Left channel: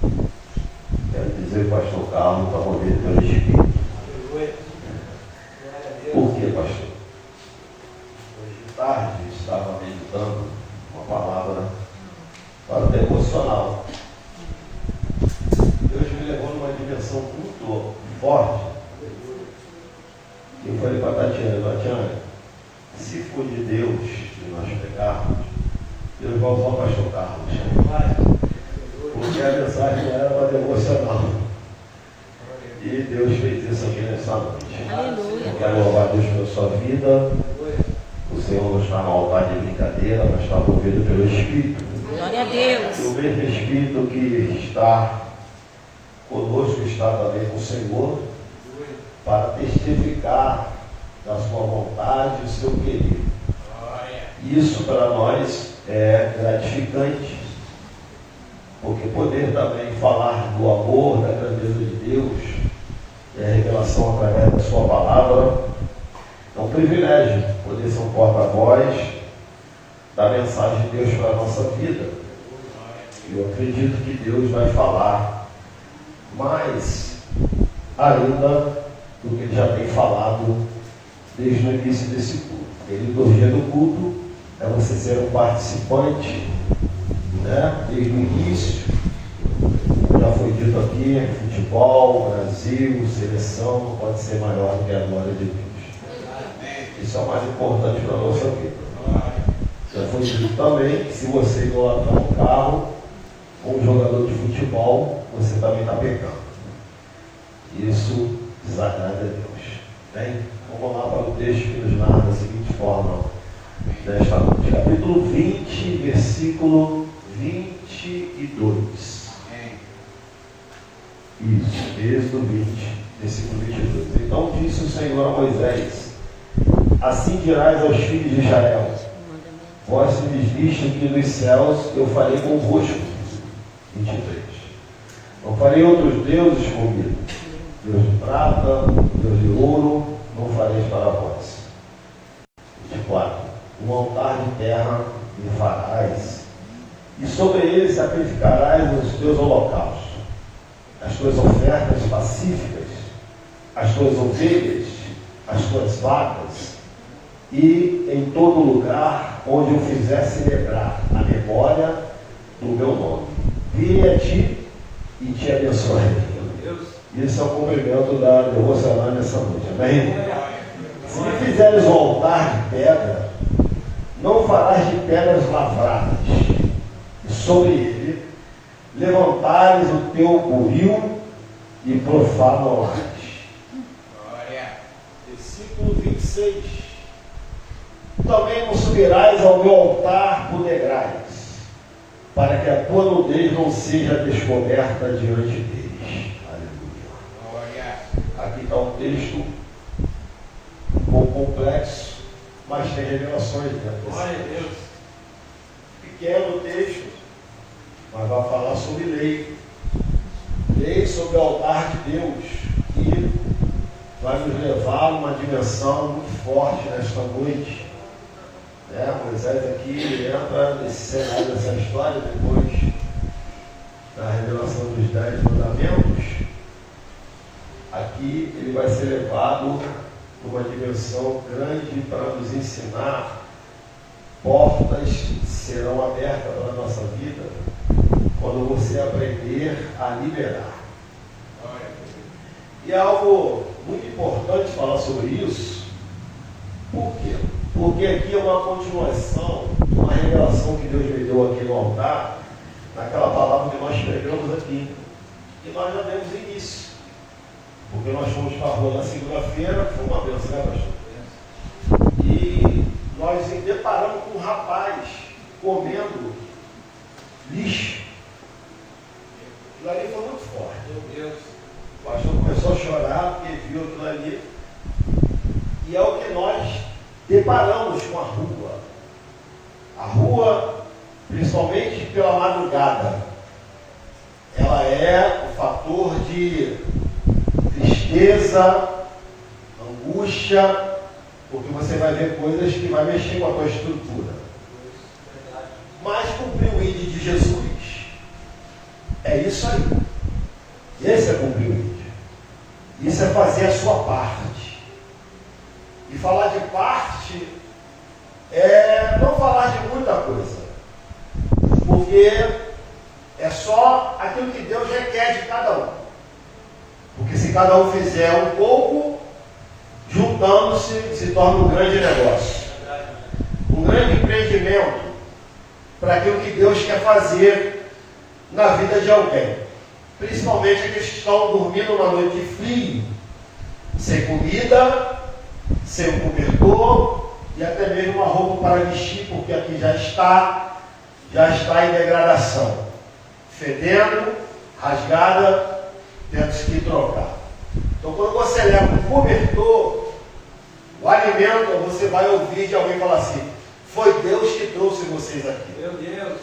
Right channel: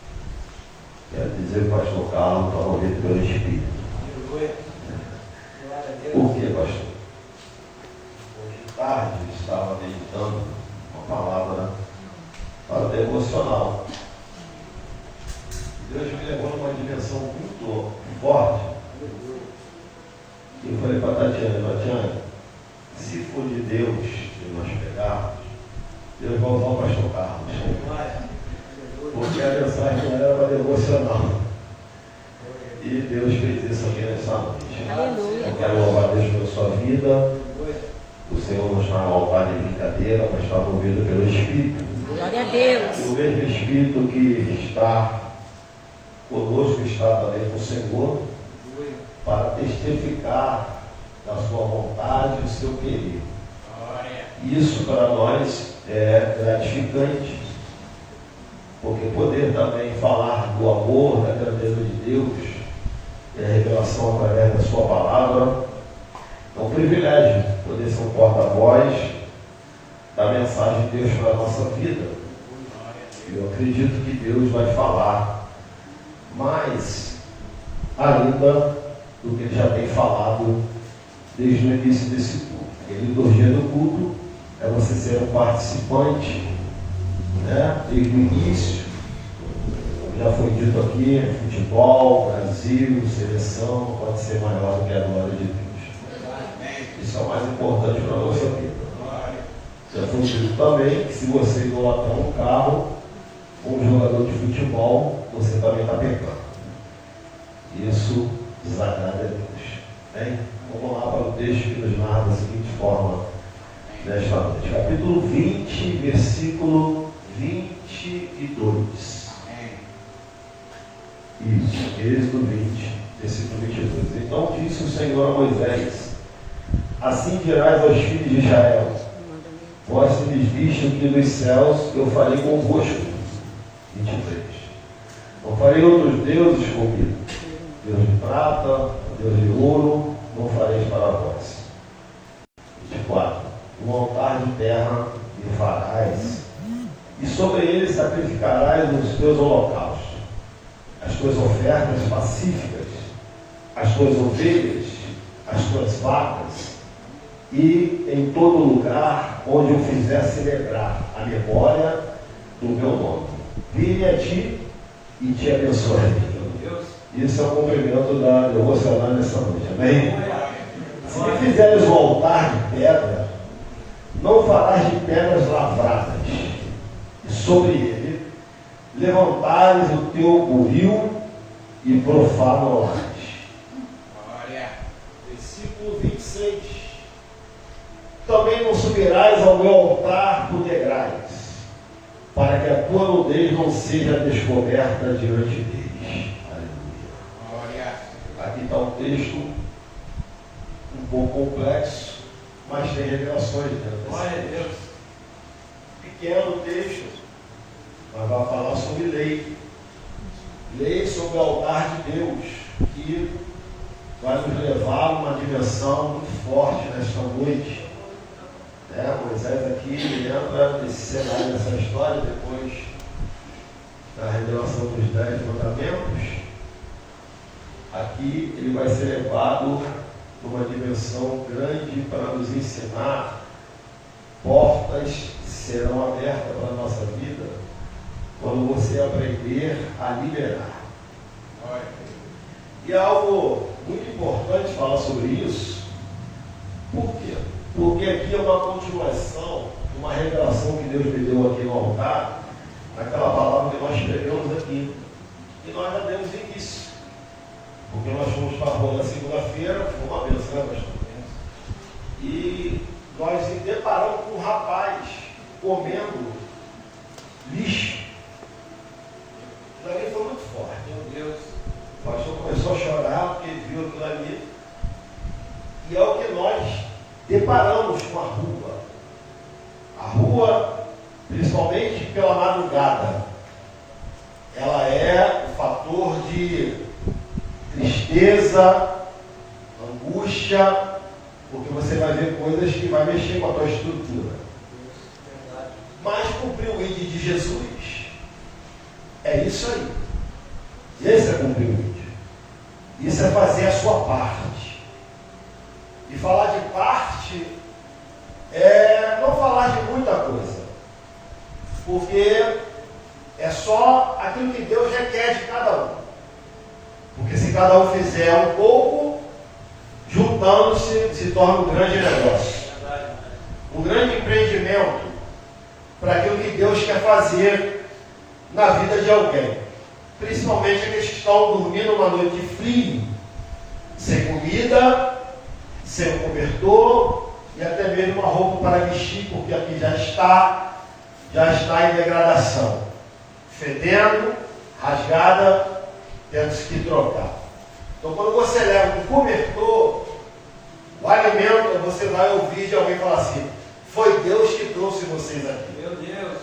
Quero dizer que o pastor Carlos está movido pelo Espírito. Por quê, pastor? Hoje tarde eu estava meditando uma palavra para o devocional. Deus me levou numa dimensão muito forte. Eu falei para a Tatiana, se for de Deus e nós pegarmos, Deus vai usar o pastor Carlos. Porque a mensagem não era para devocional. E Deus fez isso aqui nessa noite. Aleluia. Eu quero louvar Deus pela sua vida. O Senhor não está no altar de brincadeira, mas está movido pelo Espírito. Glória a Deus. E o mesmo Espírito que está conosco está também com o Senhor para testificar da sua vontade e do seu querer. Isso para nós é gratificante, porque poder também falar do amor, da grandeza de Deus e a revelação através da sua palavra é um privilégio, poder ser um porta-voz da mensagem de Deus para a nossa vida. Eu acredito que Deus vai falar mais ainda do que Ele já tem falado desde o início desse culto. A liturgia do culto é você ser um participante, né? Desde o início. Já foi dito aqui, futebol, Brasil, seleção, não pode ser maior do que a glória de Deus. Isso é o mais importante para a nossa vida. Já foi dito também que se você idolatrar um carro ou um jogador de futebol, você também está pecando. Isso desagrada a Deus. Bem, vamos lá para o texto que nos narra da seguinte forma nesta noite. Capítulo 20, versículo 22. Isso, Êxodo 20, versículo 22. Então disse o Senhor a Moisés: assim dirás aos filhos de Israel: vós se lhes viste aqui dos céus, eu farei convosco. 23. Não farei outros deuses comigo. Deus de prata, Deus de ouro, não fareis para vós. 24. Um altar de terra me farás, e sobre ele sacrificarás os teus holocaustos, as tuas ofertas pacíficas, as tuas ovelhas, as tuas vacas, e em todo lugar onde eu fizer celebrar a memória do meu nome. Virei a ti e te abençoarei. Isso é o cumprimento da devocional nessa noite. Amém? Se me fizeres um altar de pedra, não farás de pedras lavradas, e sobre ele levantares o teu buril e profano-las. Versículo 26. Também não subirás ao meu altar por degraus, para que a tua nudez não seja descoberta diante deles. Aleluia. Aqui está um texto um pouco complexo, mas tem revelações dentro desse texto. Pequeno texto, mas vai falar sobre lei. Lei sobre o altar de Deus, que vai nos levar a uma dimensão muito forte nesta noite. Moisés aqui entra nesse cenário dessa história, depois da revelação dos 10 mandamentos. Aqui ele vai ser levado para uma dimensão grande para nos ensinar. Portas serão abertas para a nossa vida quando você aprender a liberar. E é algo muito importante falar sobre isso. Por quê? Porque aqui é uma continuação de uma revelação que Deus me deu aqui no altar, naquela palavra que nós pregamos aqui, que nós já demos início. Porque nós fomos para a rua na segunda-feira, foi uma benção, né, pastor? E nós nos deparamos com um rapaz comendo lixo. Aquilo ali foi muito forte. Meu Deus. O pastor começou a chorar porque viu aquilo ali. E é o que nós deparamos com a rua. A rua, principalmente pela madrugada, ela é o fator de tristeza, angústia, porque você vai ver coisas que vai mexer com a tua estrutura. Mas cumprir o ID de Jesus É isso aí. Esse é cumprir o ID. Isso é fazer a sua parte. E falar de parte é não falar de muita coisa. Porque é só aquilo que Deus requer de cada um. Porque se cada um fizer um pouco, juntando-se, se torna um grande negócio. Um grande empreendimento para aquilo que Deus quer fazer na vida de alguém. Principalmente aqueles que estão dormindo uma noite de frio, sem comida, sem cobertor e até mesmo uma roupa para vestir, porque aqui já está em degradação, fedendo, rasgada, tendo que trocar. Então, quando você leva o cobertor, o alimento, você vai ouvir de alguém falar assim: foi Deus que trouxe vocês aqui. Meu Deus,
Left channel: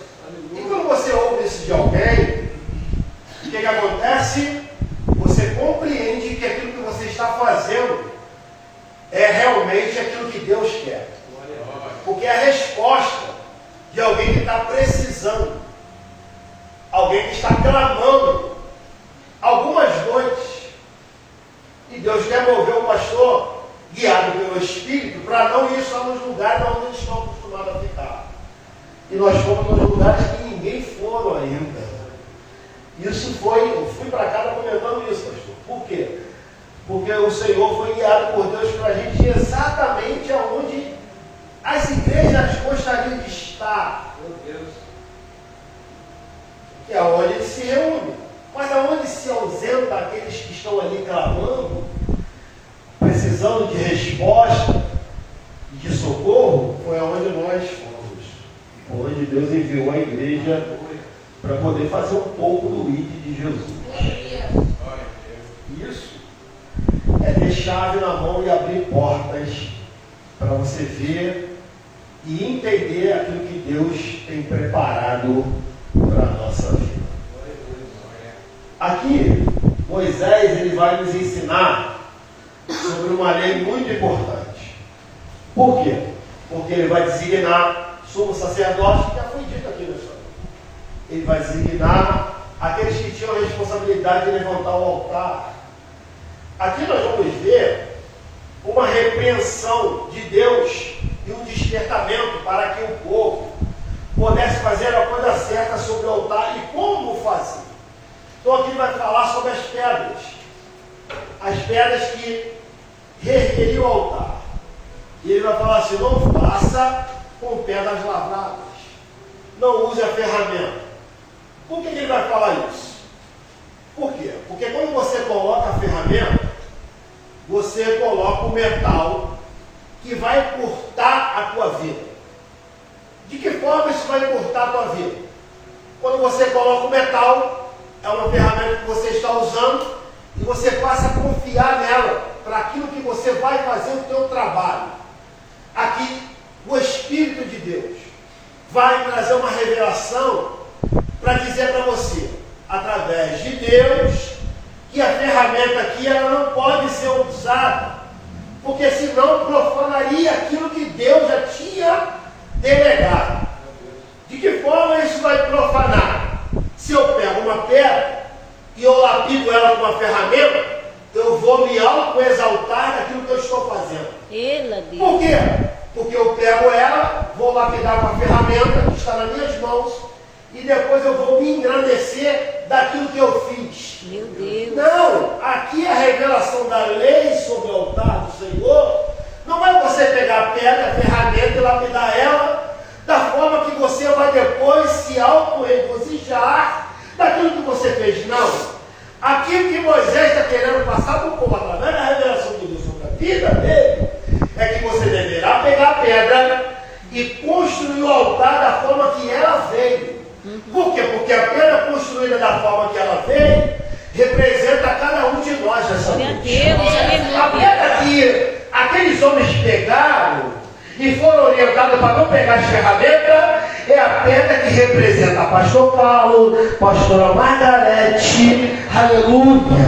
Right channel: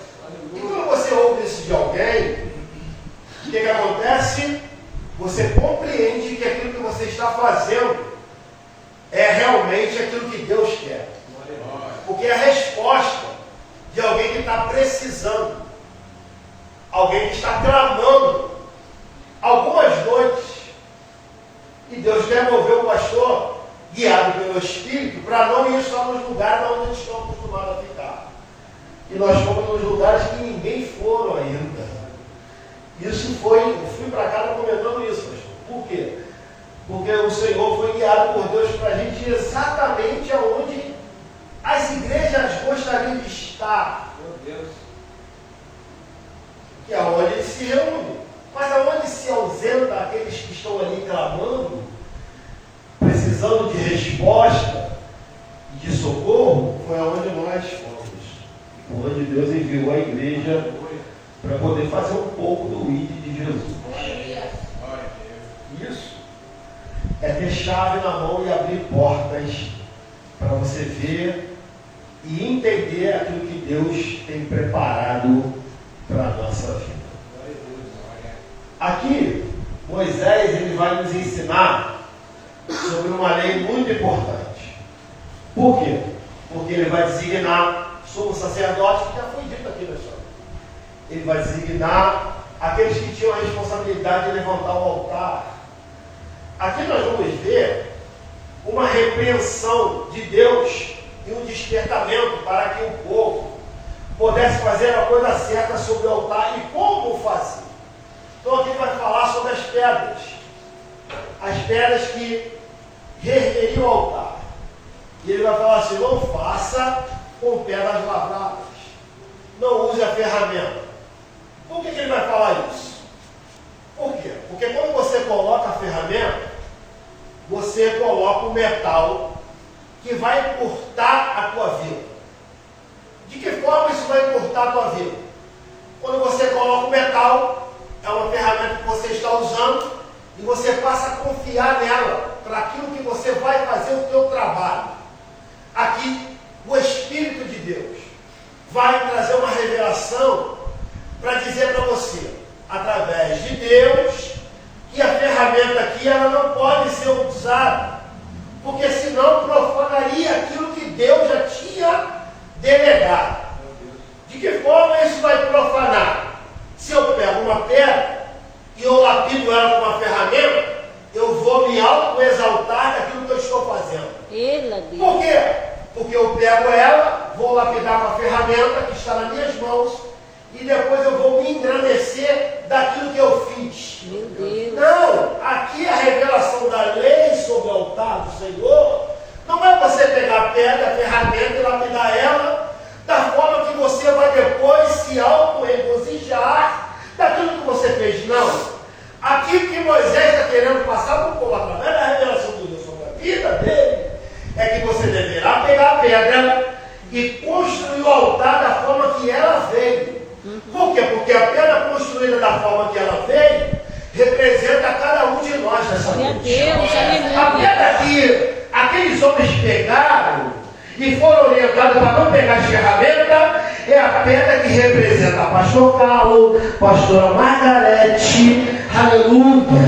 e quando você ouve isso de alguém, o que acontece? Você compreende que aquilo que você está fazendo é realmente aquilo que Deus quer. Porque é a resposta de alguém que está precisando, alguém que está clamando algumas noites, e Deus quer mover o pastor, guiado pelo Espírito, para não ir só nos lugares onde eles estão acostumados a ficar. E nós fomos nos lugares que ninguém foram ainda. Isso foi, eu fui para casa comentando isso, pastor. Por quê? Porque o Senhor foi guiado por Deus para a gente ir exatamente aonde as igrejas gostariam de estar. meu Deus. Que é onde eles se reúnem. Mas aonde se ausenta aqueles que estão ali clamando, precisando de resposta e de socorro, foi aonde nós fomos. Onde Deus enviou a igreja para poder fazer um pouco do ID de Jesus. Isso é ter chave na mão e abrir portas para você ver e entender aquilo que Deus tem preparado para a nossa vida. Aqui, Moisés ele vai nos ensinar sobre uma lei muito importante. Por quê? Porque ele vai designar sumo sacerdote, que já foi dito aqui na história. Ele vai designar aqueles que tinham a responsabilidade de levantar o altar. Aqui nós vamos ver uma repreensão de Deus e um despertamento para que o povo pudesse fazer a coisa certa sobre o altar e como fazer. Então aqui vai falar sobre as pedras que reergueriam o altar. E ele vai falar assim: não faça com pedras lavradas, não use a ferramenta. Por que ele vai falar isso? Por quê? Porque quando você coloca a ferramenta, você coloca o metal que vai cortar a tua vida. De que forma isso vai cortar a tua vida? Quando você coloca o metal, é uma ferramenta que você está usando e você passa a confiar nela para aquilo que você vai fazer o teu trabalho. Aqui, o Espírito de Deus vai trazer uma revelação para dizer para você, através de Deus, que a ferramenta aqui ela não pode ser usada, porque senão profanaria aquilo que Deus já tinha delegado. De que forma isso vai profanar? Se eu pego uma pedra e eu lapido ela com uma ferramenta, eu vou me auto-exaltar daquilo que eu estou fazendo. Por quê? Porque eu pego ela, vou lapidar com a ferramenta que está nas minhas mãos e depois eu vou me engrandecer daquilo que eu fiz. Meu Deus. Não, aqui a revelação da lei sobre o altar do Senhor não é você pegar a pedra, a ferramenta e lapidar ela da forma que você vai depois se auto-regozijar daquilo que você fez. Não. Aqui o que Moisés está querendo passar para o povo através da revelação de Deus sobre a vida dele é que você deverá pegar a pedra e construir o altar da forma que ela veio. Por quê? Porque a pedra construída da forma que ela veio representa cada um de nós nessa noite. A pedra que aqueles homens pegaram e foram orientados para não pegar as ferramentas é a pedra que representa pastor Paulo, pastora Margarete, aleluia,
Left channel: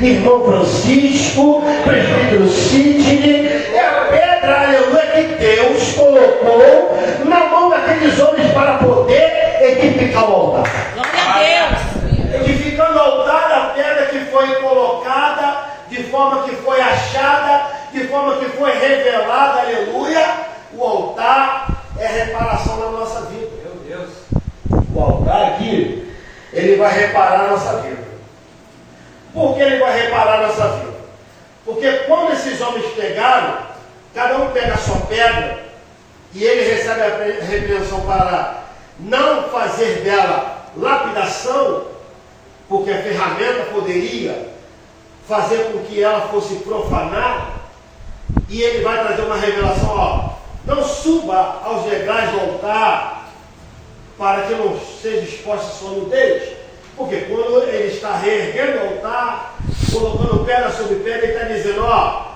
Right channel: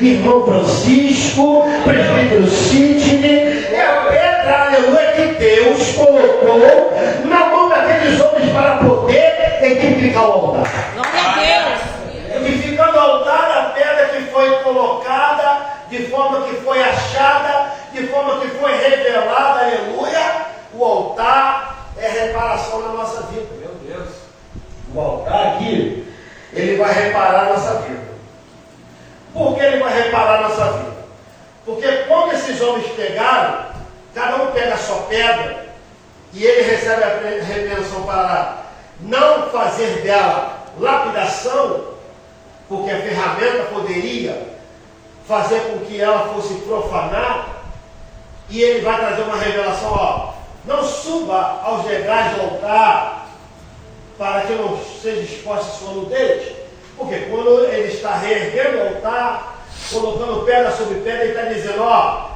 irmão Francisco, presbítero Sidney. É a pedra, aleluia, que Deus colocou na mão daqueles homens para poder edificar o altar. Glória a Deus. revelado, aleluia, o altar é reparação na nossa vida. Meu Deus. O altar aqui, ele vai reparar a nossa vida. Por que ele vai reparar a nossa vida? Porque quando esses homens pegaram, cada um pega a sua pedra, e ele recebe a repreensão para não fazer dela lapidação, porque a ferramenta poderia fazer com que ela fosse profanar, e ele vai trazer uma revelação, ó, não suba aos degraus do altar, para que não seja exposta a sua nudez, porque quando ele está reerguendo o altar, colocando pedra sobre pedra, ele está dizendo, ó,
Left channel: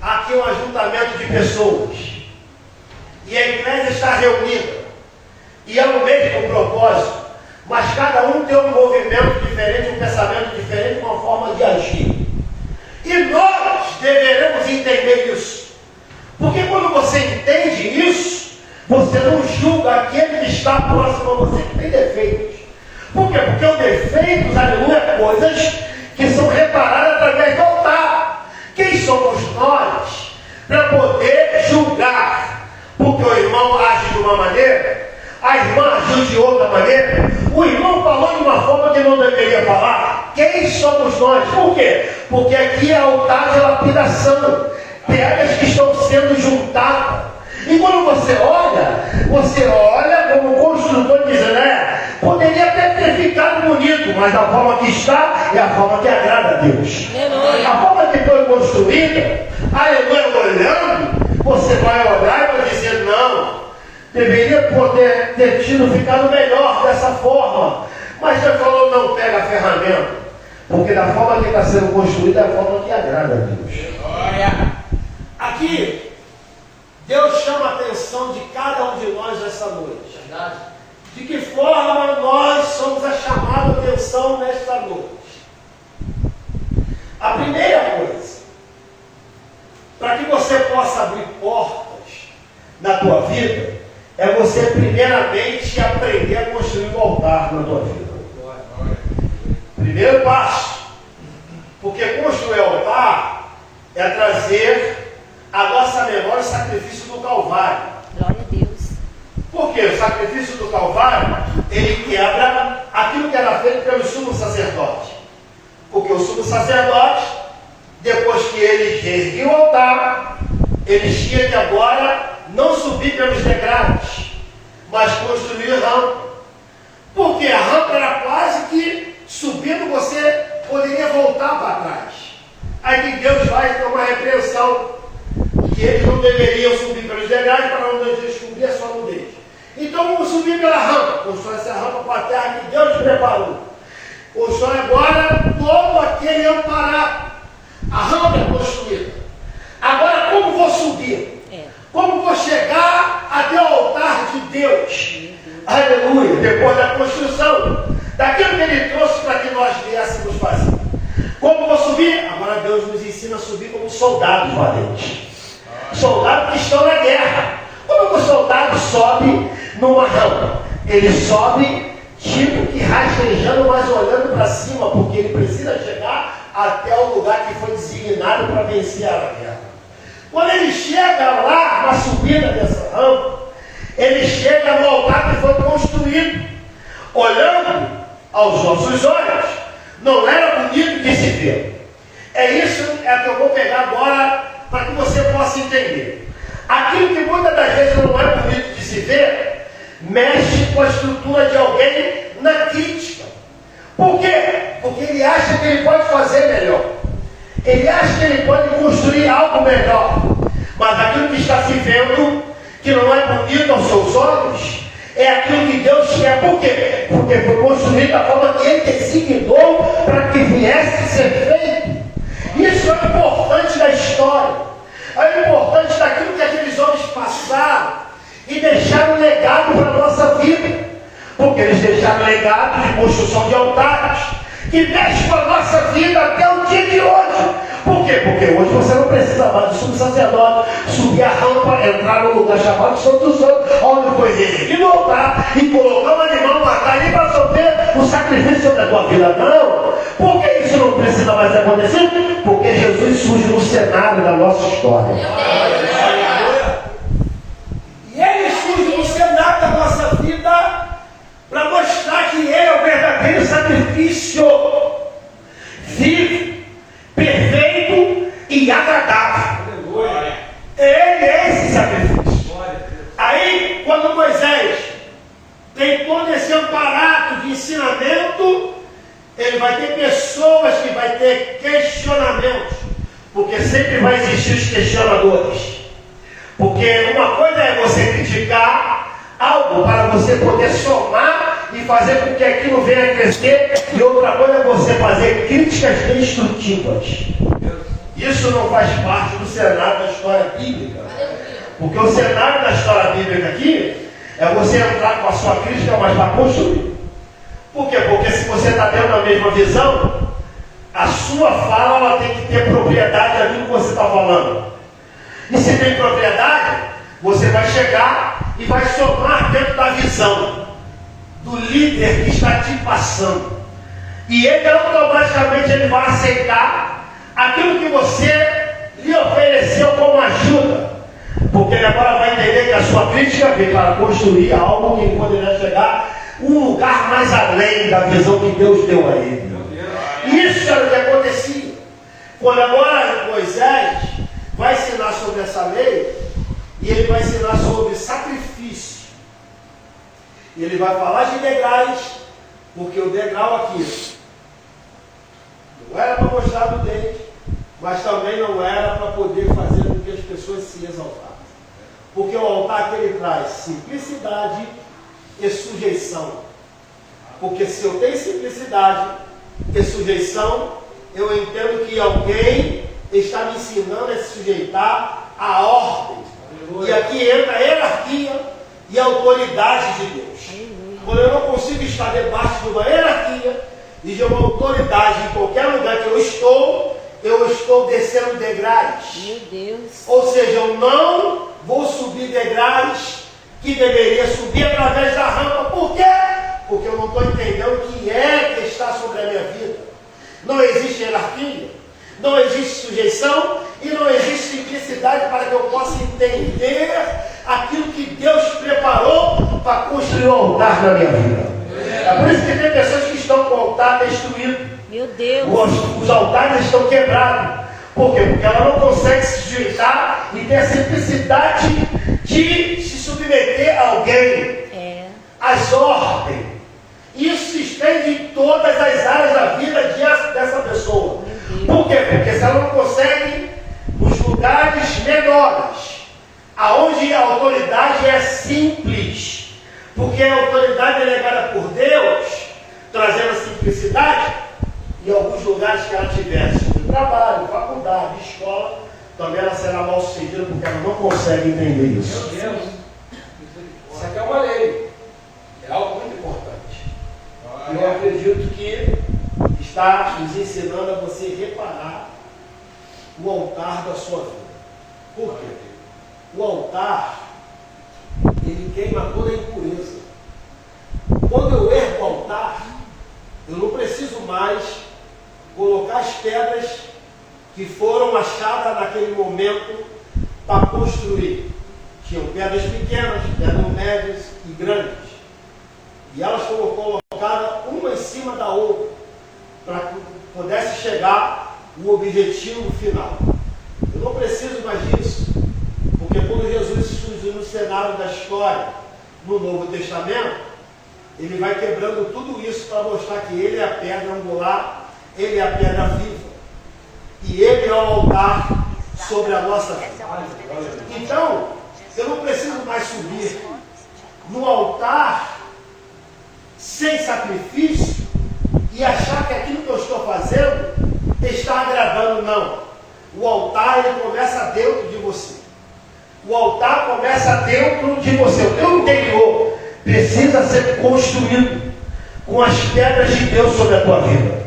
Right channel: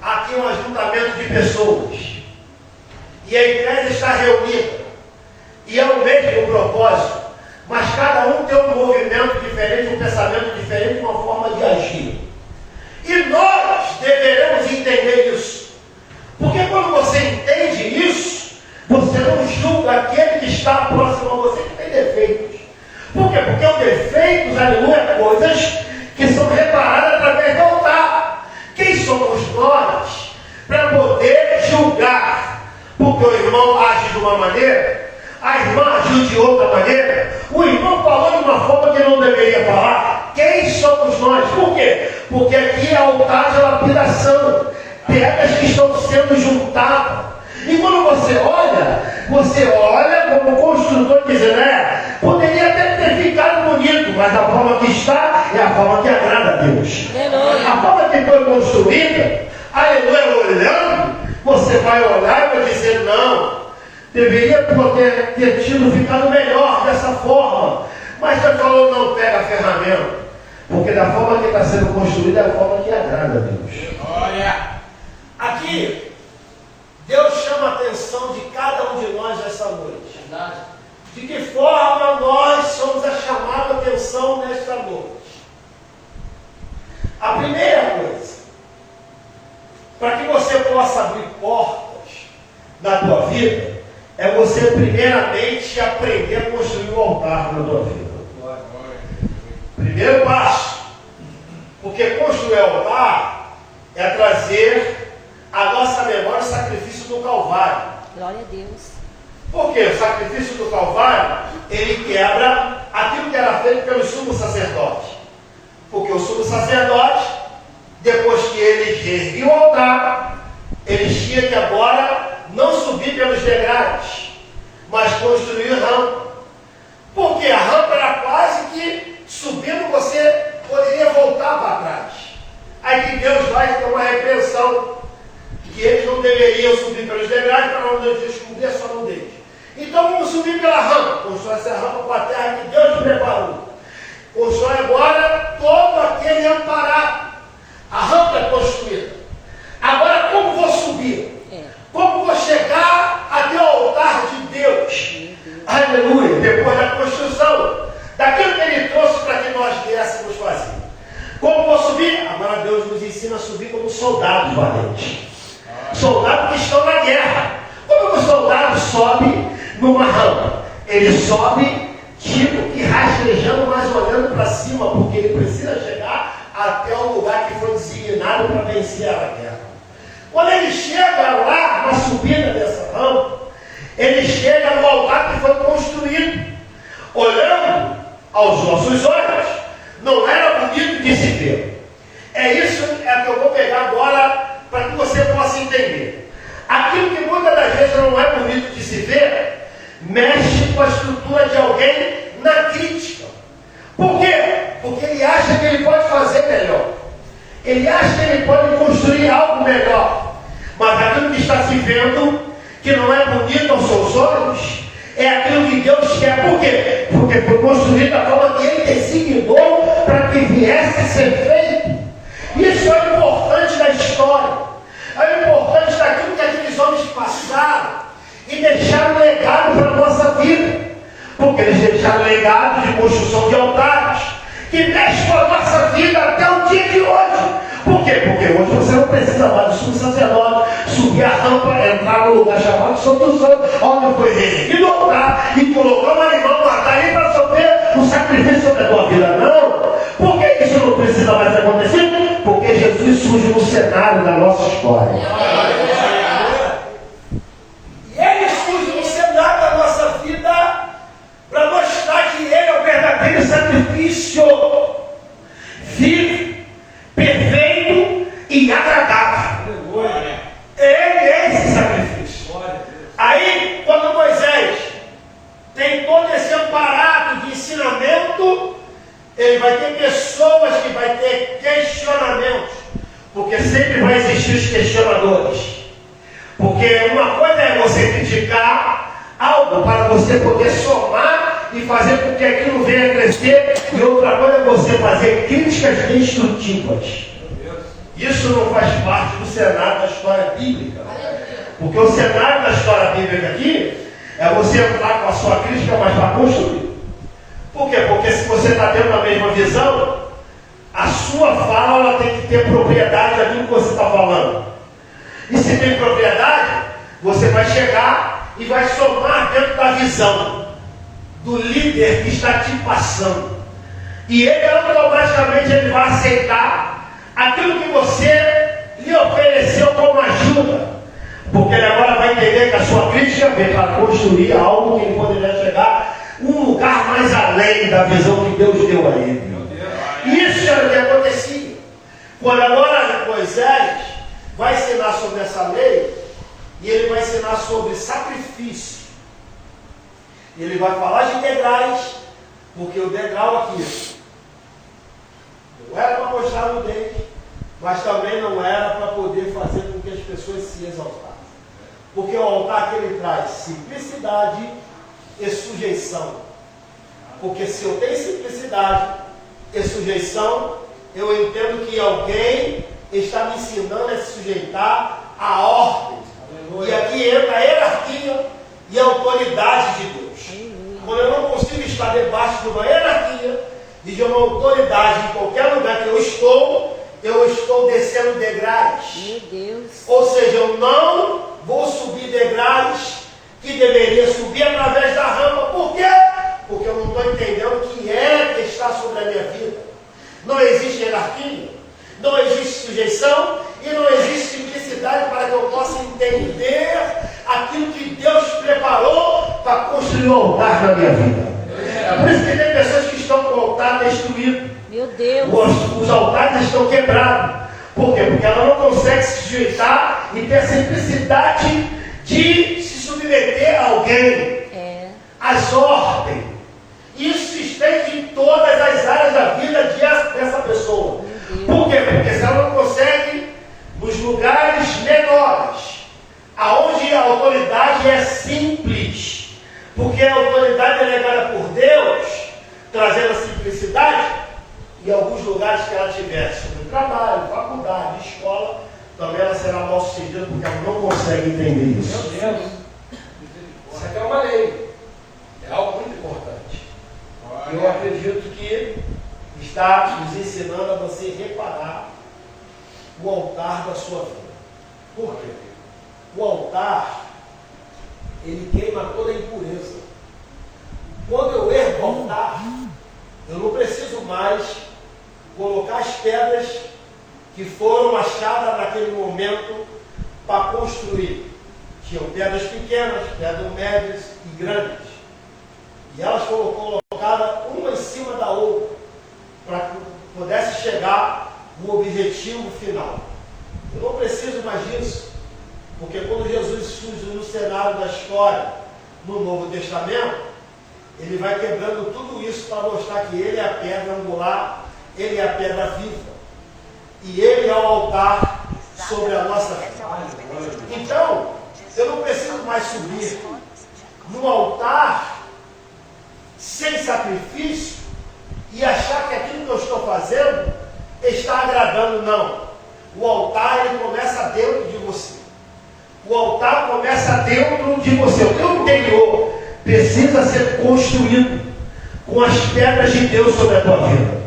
aqui é um ajuntamento de pessoas, e a igreja está reunida, e é o mesmo propósito, mas cada um tem um movimento diferente, um pensamento diferente, uma forma de agir. E nós deveremos entender isso. Porque quando você entende isso, você não julga aquele que está próximo a você que tem defeitos. Por quê? Porque os defeitos, aleluia, é coisas que são reparadas através do altar. Quem somos nós para poder julgar? Porque o irmão age de uma maneira, a irmã agiu de outra maneira, o irmão falou de uma forma que não deveria falar. Quem somos nós? Por quê? Porque aqui é altar de lapidação, pedras que estão sendo juntadas. E quando você olha como construtor dizendo, poderia até ter ficado bonito, mas a forma que está é a forma que agrada a Deus. A forma que foi construída, aleluia, olhando, você vai olhar e vai dizer, não, deveria poder ter ficado melhor dessa forma. Mas Deus falou, não pega a ferramenta, porque da forma que está sendo construída é a forma que agrada a Deus. Glória! Aqui, Deus chama a atenção de cada um de nós nessa noite. De que forma nós somos a chamada atenção nesta noite? A primeira coisa, para que você possa abrir portas na tua vida, é você primeiramente aprender a construir um altar na tua vida. Primeiro passo, porque construir altar é trazer a nossa memória o sacrifício do Calvário. Glória a Deus. Por quê? O sacrifício do Calvário, ele quebra aquilo que era feito pelo sumo sacerdote. Porque o sumo sacerdote, depois que ele ergueu o altar, ele tinha que agora não subir pelos degraus, mas construir rampa. Porque a rampa era quase que subindo você poderia voltar para trás. Aí que Deus vai ter uma repreensão, que eles não deveriam subir pelos degraus para não descobrir a sua nudez. Então vamos subir pela rampa, constrói essa rampa para a terra que Deus preparou. Constrói agora todo aquele amparado. A rampa é construída. Agora como vou subir? Como vou chegar até o altar de Deus? Aleluia! Depois da construção, daquilo que Ele trouxe para que nós viéssemos fazer. Como vou subir? Agora Deus nos ensina a subir como soldados valentes. Soldados que estão na guerra. Como o soldado sobe numa rampa? Ele sobe tipo que rastejando, mas olhando para cima, porque ele precisa chegar até o lugar que foi designado para vencer a guerra. Quando ele chega lá na subida dessa rampa, ele chega no altar que foi construído. Olhando aos nossos olhos, não era bonito de se ver. É isso que eu vou pegar agora para que você possa entender. Aquilo que muitas das vezes não é bonito de se ver, mexe com a estrutura de alguém na crítica. Por quê? Porque ele acha que ele pode fazer melhor. Ele acha que ele pode construir algo melhor. Mas aquilo que está se vendo, que não é bonito aos seus olhos, é aquilo que Deus quer. Por quê? Porque foi construído da forma que Ele designou para que viesse a ser feito. Isso é importante da história. É importante daquilo que aqueles homens passaram e deixaram legado para a nossa vida. Porque eles deixaram legado de construção de altares que mexe com a nossa vida até o dia de hoje. Por quê? Porque hoje você não precisa mais do sumo sacerdote subir a rampa, entrar no lugar chamado Santo dos Santos, onde foi erguido o altar e colocar um animal, matar ali para sofrer o sacrifício sobre a tua vida. Não! Por que isso não precisa mais acontecer? Porque Jesus surge no cenário da nossa nossa história. E Ele surge no cenário da nossa vida para mostrar que Ele é o verdadeiro sacrifício vivo, perfeito e agradável. Ele é esse sacrifício. Aí, quando Moisés tem todo esse aparato de ensinamento, ele vai ter pessoas que vai ter questionamentos, porque sempre vai existir os questionadores. Porque uma coisa é você criticar algo para você poder somar e fazer com que aquilo venha a crescer, e outra coisa é você fazer críticas destrutivas. Isso não faz parte do cenário da história bíblica. Porque o cenário da história bíblica aqui é você entrar com a sua crítica, mas vai construir. Por quê? Porque se você está tendo a mesma visão, a sua fala ela tem que ter propriedade daquilo que você está falando. E se tem propriedade, você vai chegar e vai somar dentro da visão do líder que está te passando. E ele automaticamente ele vai aceitar aquilo que você lhe ofereceu como ajuda. Porque ele agora vai entender que a sua crítica veio para construir algo que ele poderia chegar um lugar mais além da visão que Deus deu a ele. Isso era o que acontecia. Quando agora Moisés vai ensinar sobre essa lei, e ele vai ensinar sobre sacrifício. E ele vai falar de degraus, porque o degrau aqui não era para mostrar o dente, mas também não era para poder fazer com que as pessoas se exaltassem. Porque o altar que ele traz simplicidade e sujeição. Porque se eu tenho simplicidade e sujeição, eu entendo que alguém está me ensinando a se sujeitar à ordem. E aqui entra a hierarquia e a autoridade de Deus. Quando eu não consigo estar debaixo de uma hierarquia e de uma autoridade em qualquer lugar que eu estou descendo degraus. Meu Deus. Ou seja, eu não vou subir degraus que deveria subir através da rampa. Por quê? Porque eu não estou entendendo o que é que está sobre a minha vida. Não existe hierarquia, não existe sujeição e não existe simplicidade para que eu possa entender aquilo que Deus preparou para construir um altar na minha vida. É por isso que tem pessoas que estão com o altar destruído. Meu Deus. Os altares estão quebrados. Por quê? Porque ela não consegue se sujeitar e ter a simplicidade de se submeter a alguém. Às ordens. Isso se estende em todas as áreas da vida dessa pessoa. Por quê? Porque se ela não consegue, nos lugares menores, aonde a autoridade é simples, porque a autoridade é legada por Deus, trazendo a simplicidade, em alguns lugares que ela tiver, de trabalho, faculdade, escola, também ela será mal sucedida, porque ela não consegue entender isso. Meu Deus, isso aqui é uma lei, é algo muito importante. Eu acredito que está nos ensinando a você reparar o altar da sua vida. Por quê? O altar, ele queima toda a impureza. Quando eu ergo o altar, eu não preciso mais colocar as pedras que foram achadas naquele momento para construir. Tinham pedras pequenas, pedras médias e grandes. E elas foram colocadas uma em cima da outra, para que pudesse chegar o objetivo final. Eu não preciso mais disso, porque quando Jesus surge no cenário da história, no Novo Testamento, ele vai quebrando tudo isso para mostrar que ele é a pedra angular, ele é a pedra viva, e ele é o altar sobre a nossa vida. Então, eu não preciso mais subir no altar sem sacrifício e achar que aquilo que eu estou fazendo está agradando. Não. O altar, ele começa dentro de você. O altar começa dentro de você. O teu interior precisa ser construído com as pedras de Deus sobre a tua vida.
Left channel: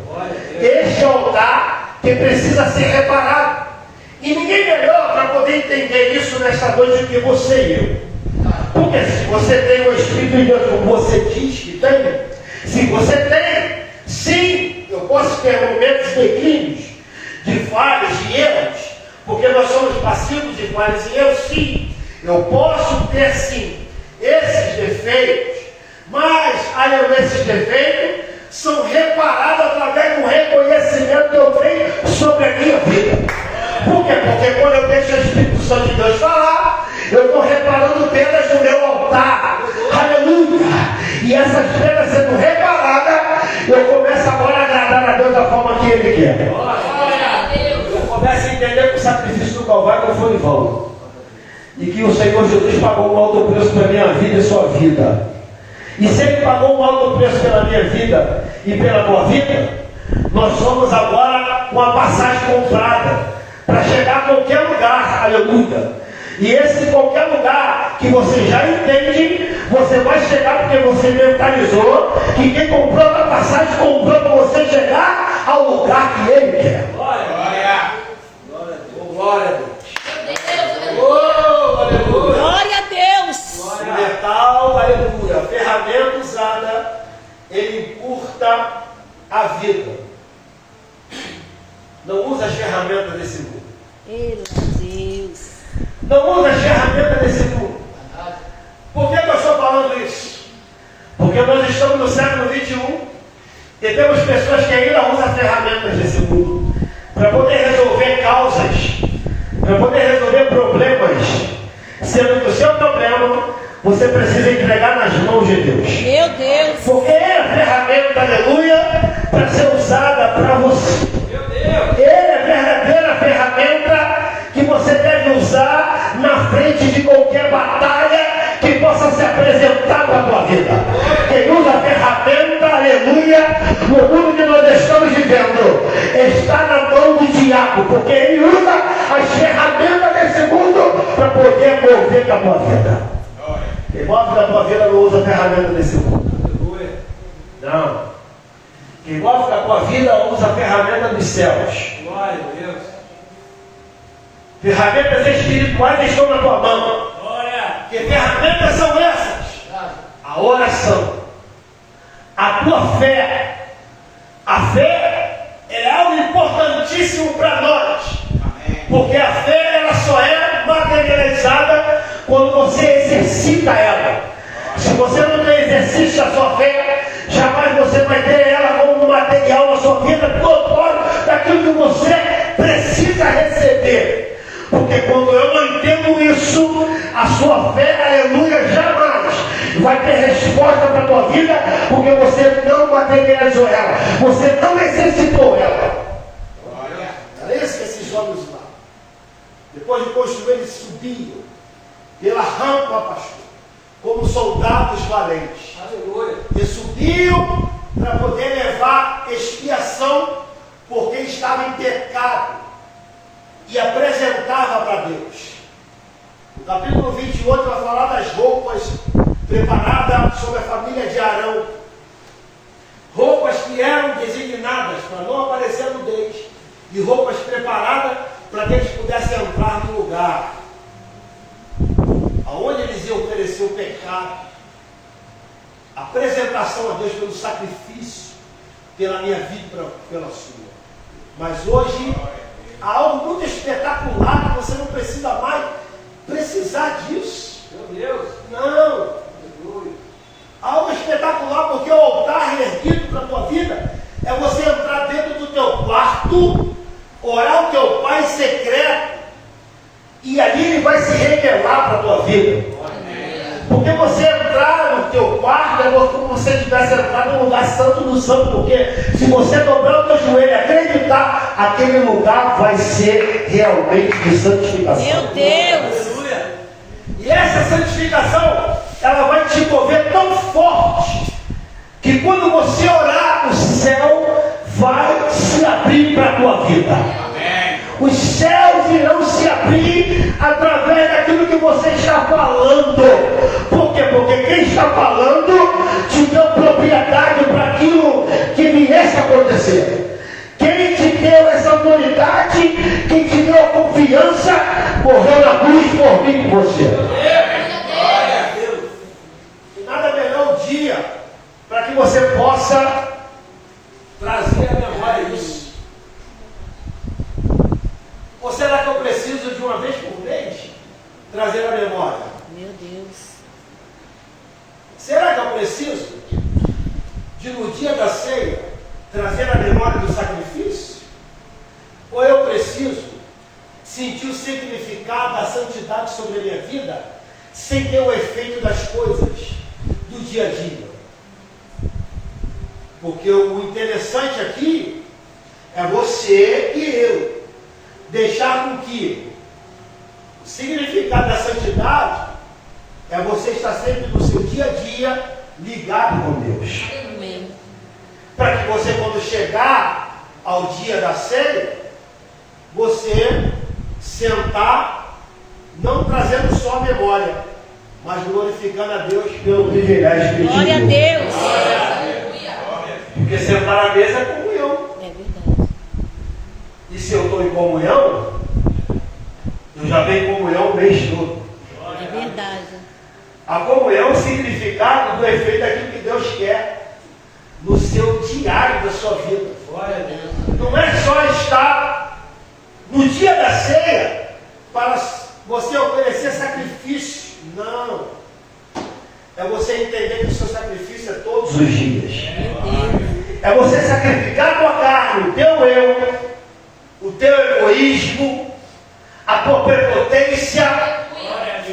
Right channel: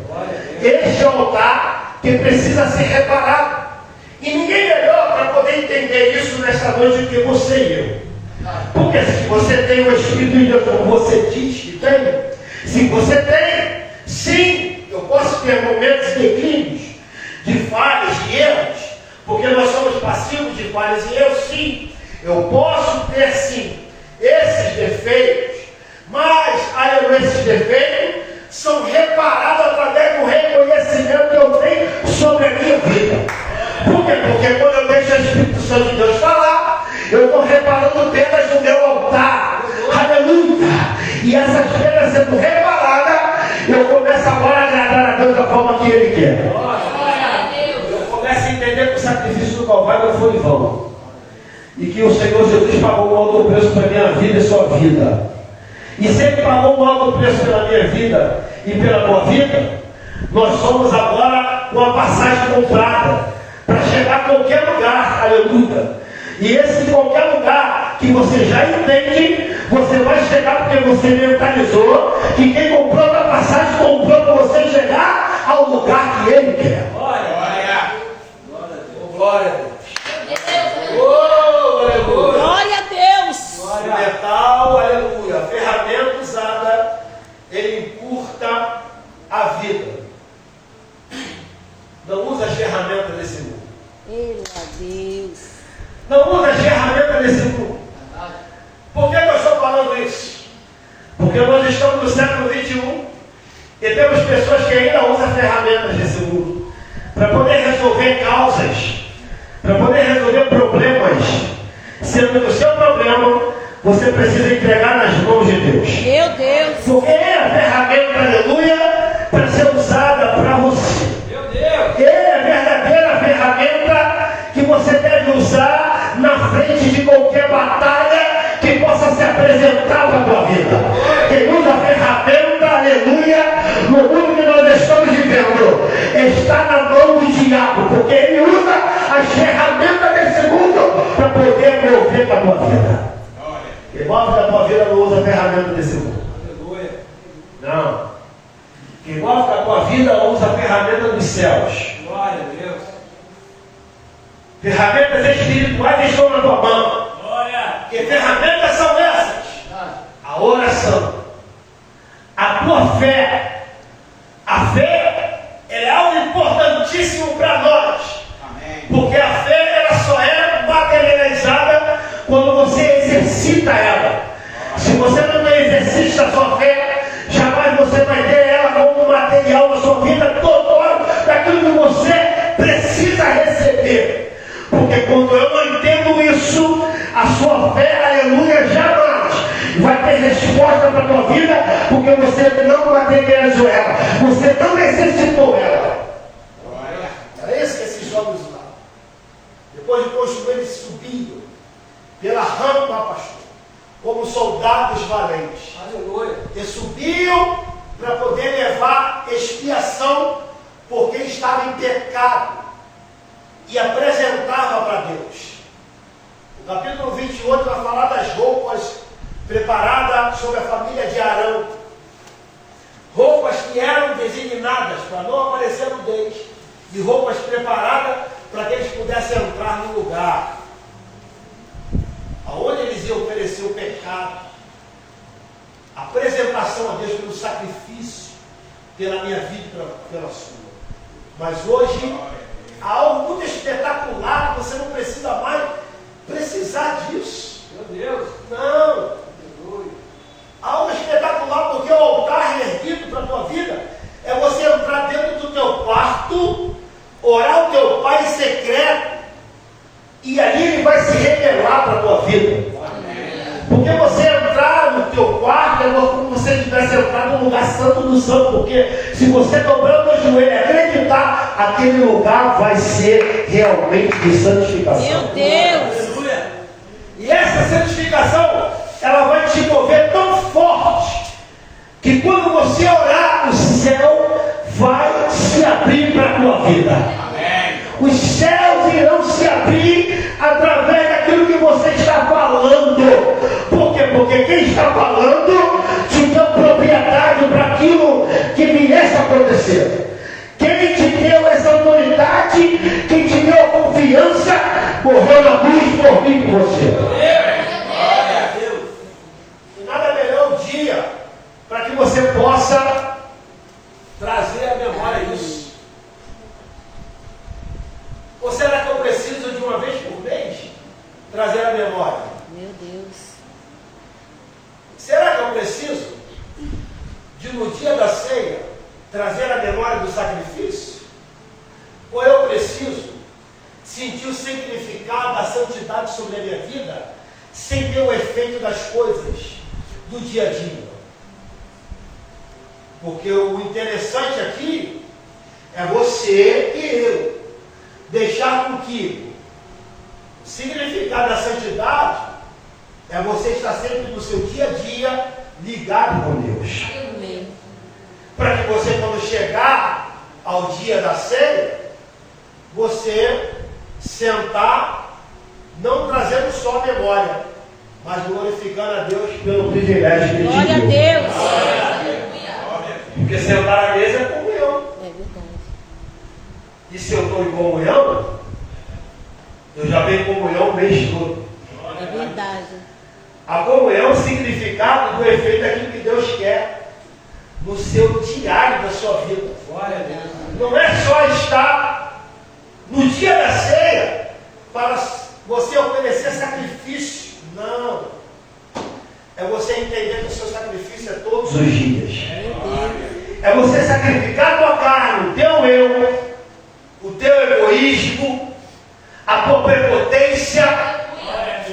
Este é o altar que precisa ser reparado. E ninguém melhor para poder entender isso nesta noite do que você e eu. Porque se você tem o Espírito de Deus, como você diz que tem, se você tem, sim, eu posso ter momentos de declínios, de falhas, de erros, porque nós somos passivos de falhas, e eu sim, eu posso ter sim esses defeitos, mas, aleluia, esses defeitos são reparados através do reconhecimento que eu tenho sobre a minha vida. Por quê? Porque quando eu deixo o Espírito Santo de Deus falar, eu estou reparando pedras no meu altar. Aleluia! E essas pedras sendo reparadas, eu começo agora a agradar a Deus da forma que Ele quer. Eu começo a entender que o sacrifício do Calvário não foi em vão. E que o Senhor Jesus pagou um alto preço pela minha vida e sua vida. E se Ele pagou um alto preço pela minha vida e pela tua vida, nós somos agora uma passagem comprada para chegar a qualquer lugar, aleluia. E esse qualquer lugar que você já entende, você vai chegar porque você mentalizou que quem comprou a passagem comprou para você chegar ao lugar que Ele quer. Glória! Glória a Deus! Oh, aleluia! Glória a Deus! O metal, aleluia, a ferramenta usada, ele encurta a vida. Não usa as ferramentas desse mundo. Meu Deus! Não usa as ferramentas desse mundo. Por que eu estou falando isso? Porque nós estamos no século 21 e temos pessoas que ainda usam ferramentas desse mundo para poder resolver causas, para poder resolver problemas, sendo que o seu problema você precisa entregar nas mãos de Deus. Meu Deus! Porque é a ferramenta, aleluia, para ser usada para você. Meu Deus! Ele é a verdadeira ferramenta que você deve usar na frente de qualquer batalha que possa se apresentar para a tua vida. Quem usa a ferramenta, aleluia, no mundo que nós estamos vivendo, está na mão do diabo, porque ele usa as ferramentas desse mundo para poder mover a tua vida. Quem move a tua vida não usa a ferramenta desse mundo. Não. Quem move a tua vida usa a ferramenta dos céus. Glória a Deus! Ferramentas espirituais estão na tua mão. Glória! Que ferramentas são essas? A oração, a tua fé. A fé é algo importantíssimo para nós. Amém! Porque a fé ela só é materializada quando você exercita ela. Se você não exercita a sua fé, jamais você vai ter ela como um material na sua vida total daquilo que você precisa receber. Porque quando eu não entendo isso, a sua fé, aleluia, jamais vai ter resposta para a tua vida, porque você não materializou ela, você não exercitou ela. Glória! Era isso que esses jovens lá. Depois de construir, eles subiam pela rampa, pastor, como soldados valentes. Aleluia! E subiam para poder levar expiação, porque estava em pecado. E apresentava para Deus. O capítulo 28 vai falar das roupas preparadas sobre a família de Arão. Roupas que eram designadas para não aparecer nudez. E roupas preparadas para que eles pudessem entrar no lugar aonde eles iam oferecer o pecado. A apresentação a Deus pelo sacrifício, pela minha vida e pela sua. Mas hoje há algo muito espetacular que você não precisa mais precisar disso. Meu Deus! Não. Algo espetacular, porque o altar erguido para a tua vida é você entrar dentro do teu quarto, orar o teu Pai em secreto, e ali Ele vai se revelar para a tua vida. Porque você entrar no teu quarto é como se você tivesse entrado no lugar santo do santo, porque se você dobrar o teu joelho e acreditar, aquele lugar vai ser realmente de santificação. Meu Deus! Aleluia! E essa santificação, ela vai te mover tão forte, que quando você orar, o céu vai se abrir para a tua vida. Amém! Os céus irão se abrir através daquilo que você está falando. Por quê? Porque quem está falando te deu propriedade para aquilo que viesse a acontecer. Quem te deu essa autoridade, quem te deu a confiança, morreu na cruz por mim e por você. Glória a Deus! E nada melhor o dia para que você possa trazer à memória isso. Ou será que eu preciso de uma vez trazer a memória do sacrifício? Ou eu preciso sentir o significado da santidade sobre a minha vida sem ter o efeito das coisas do dia a dia? Porque o interessante aqui é você e eu deixar com que o significado da santidade é você estar sempre no seu dia a dia ligado com Deus. Amém. Para que você, quando chegar ao dia da ceia, você sentar, não trazendo só a memória, mas glorificando a Deus pelo privilégio que Ele te Glória a deu. Deus. Porque sentar à mesa é comunhão. É verdade. E se eu estou em comunhão, eu já venho em comunhão o mês todo. É verdade. A comunhão é o significado do efeito daquilo que Deus quer no seu diário da sua vida. Glória a Deus. Não é só estar no dia da ceia para você oferecer sacrifício. Não. É você entender que o seu sacrifício é todos os dias. Meu Deus. É você sacrificar a tua carne, o teu eu, o teu egoísmo, a tua prepotência.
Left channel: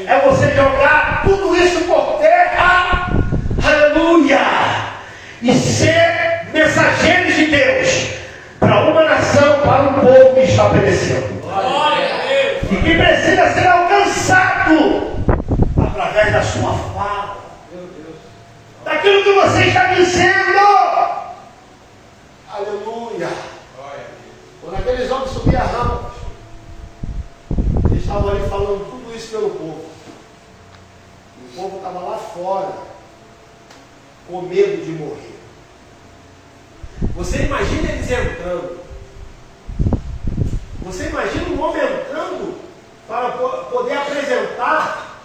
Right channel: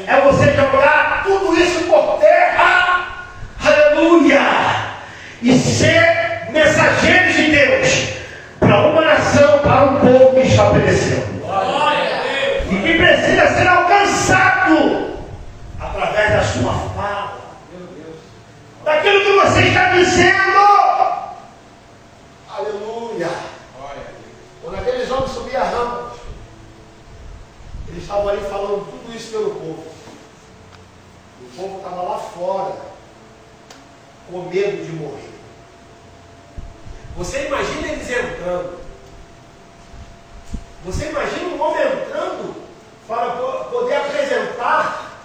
É você jogar tudo isso por terra. Aleluia! E ser mensageiros de Deus para uma nação, para um povo que está perecendo. E que precisa ser alcançado através da sua fala, daquilo que você está dizendo. Aleluia! Quando aqueles homens subiam a rampa, eles estavam ali falando tudo isso pelo povo. E o povo estava lá fora, com medo de morrer. Você imagina eles entrando. Você imagina um homem entrando para poder apresentar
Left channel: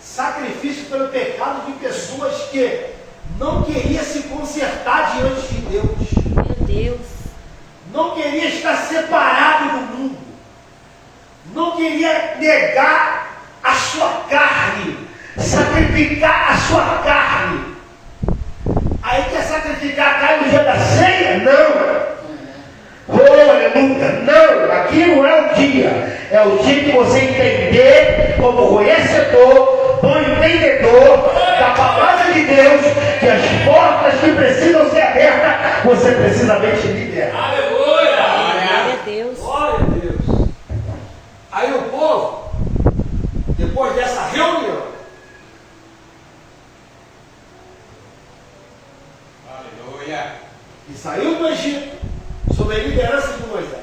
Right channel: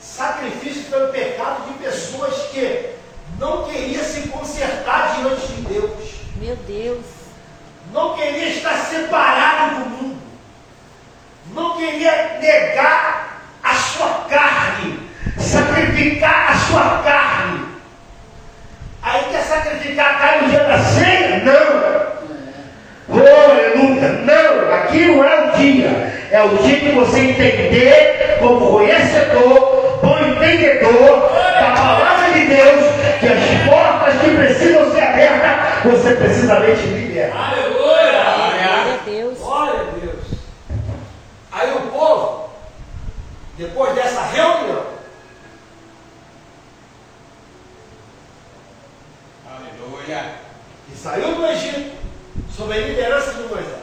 sacrifício pelo pecado de pessoas que não queriam se consertar diante de Deus. Meu Deus. Não queria estar separado do mundo. Não queria negar a sua carne, sacrificar a sua carne. Aí quer sacrificar a carne no dia da ceia? Não. Oh, aleluia. Não, aqui não é o dia. É o dia que você entender, como conhecedor, bom entendedor da palavra de Deus, que as portas que precisam ser abertas, você precisamente liberar. Glória a Deus. Glória a Deus. Aí o povo, depois dessa reunião, que saiu do Egito, sob a liderança de Moisés,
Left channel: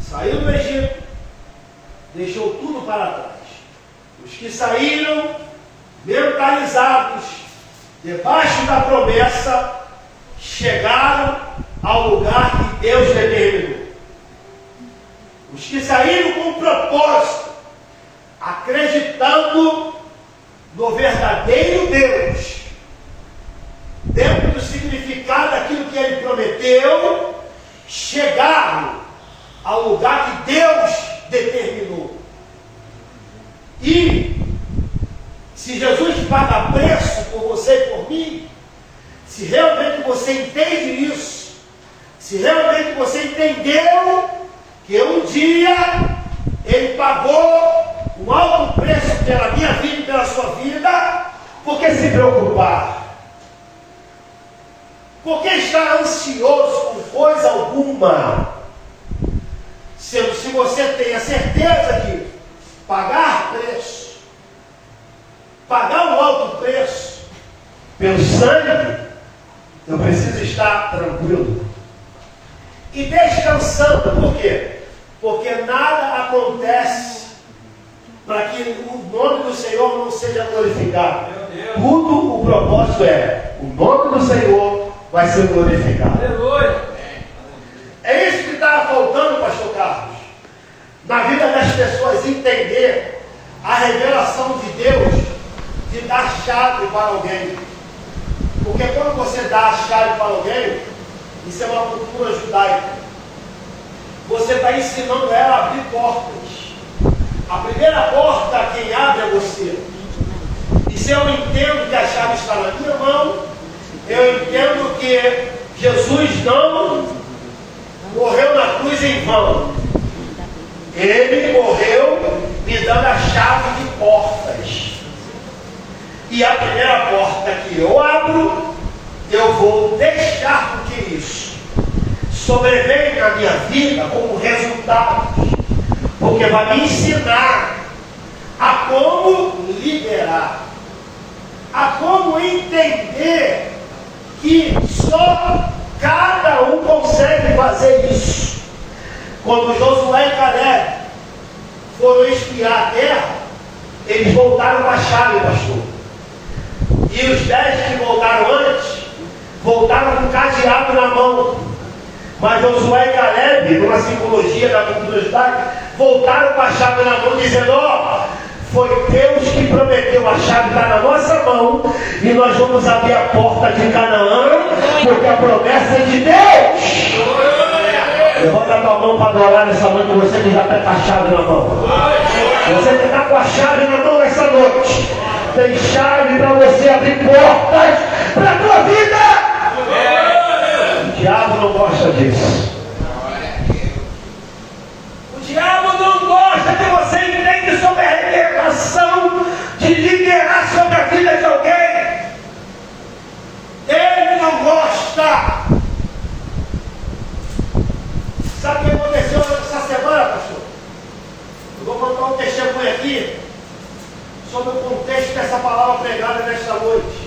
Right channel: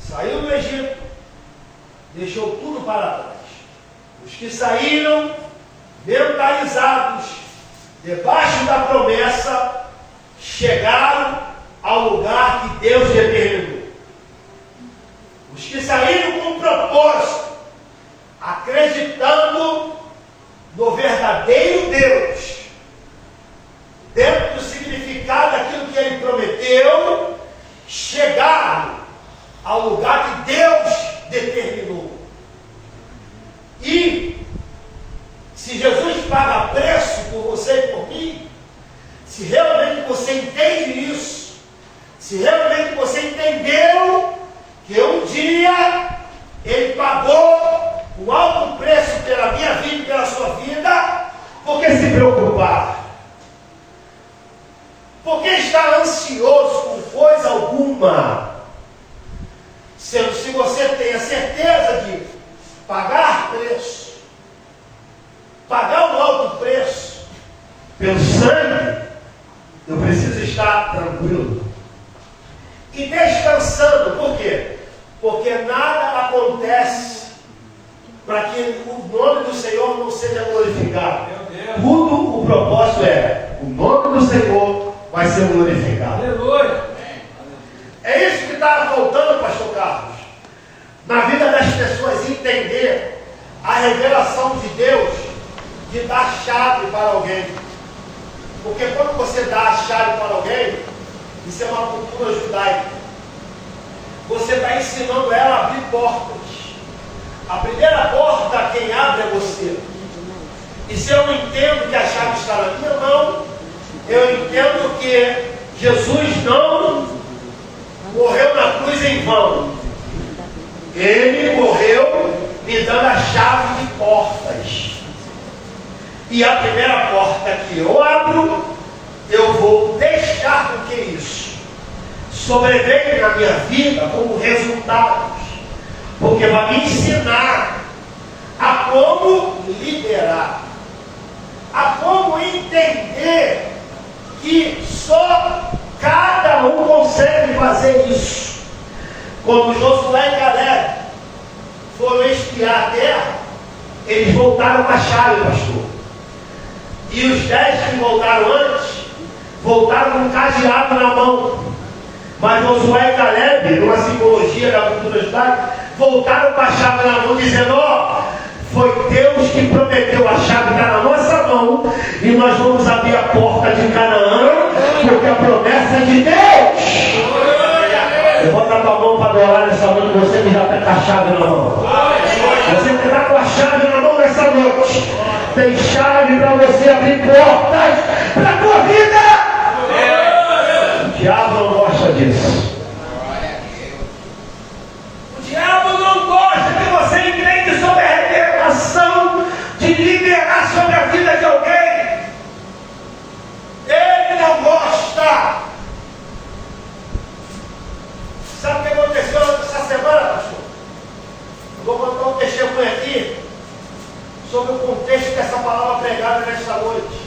saiu do Egito, deixou tudo para trás. Os que saíram, mentalizados, debaixo da promessa, chegaram ao lugar que Deus determinou. Os que saíram com propósito, acreditando no verdadeiro Deus, dentro do significado daquilo que Ele prometeu, chegaram ao lugar que Deus determinou. E se Jesus paga preço por você e por mim, se realmente você entende isso, se realmente você entendeu que um dia Ele pagou um alto preço pela minha vida e pela sua vida, por que se preocupar? Por que estar ansioso com coisa alguma? Se você tem a certeza de pagar preço, pagar um alto preço pelo sangue, eu preciso estar tranquilo e descansando. Por quê? Porque nada acontece para que o nome do Senhor não seja glorificado. Tudo o propósito é: o nome do Senhor vai ser glorificado. Aleluia. É isso que está faltando, pastor Carlos, na vida das pessoas, entender a revelação de Deus de dar chave para alguém. Porque quando você dá a chave para alguém, isso é uma cultura judaica, você está ensinando ela a abrir portas. A primeira porta, quem abre é você. E se eu entendo que a chave está na minha mão, eu entendo que Jesus não morreu na cruz em vão. Ele morreu me dando a chave de portas. E a primeira porta que eu abro, eu vou deixar com que isso sobrevenha na minha vida como resultado. Porque vai me ensinar a como liderar, a como entender que só cada um consegue fazer isso. Quando Josué e Caleb foram espiar a terra, eles voltaram com a chave, pastor. E os 10 que voltaram antes, voltaram com um cadeado na mão. Mas Josué e Caleb, numa simbologia da curiosidade, voltaram com a chave na mão, dizendo: ó, foi Deus que prometeu, a chave está na nossa mão, e nós vamos abrir a porta de Canaã, porque a promessa é de Deus. Levanta a tua mão para adorar nessa noite, você que já está com a chave na mão. Você que está com a chave na mão nessa noite, tem chave para você abrir portas para a tua vida. O diabo não gosta disso. O diabo não gosta que você entenda sobre a revelação de liderar sobre a vida de alguém. Ele não gosta. Sabe o que aconteceu essa semana, pastor? Eu vou contar um testemunho aqui sobre o contexto dessa palavra pregada nesta noite.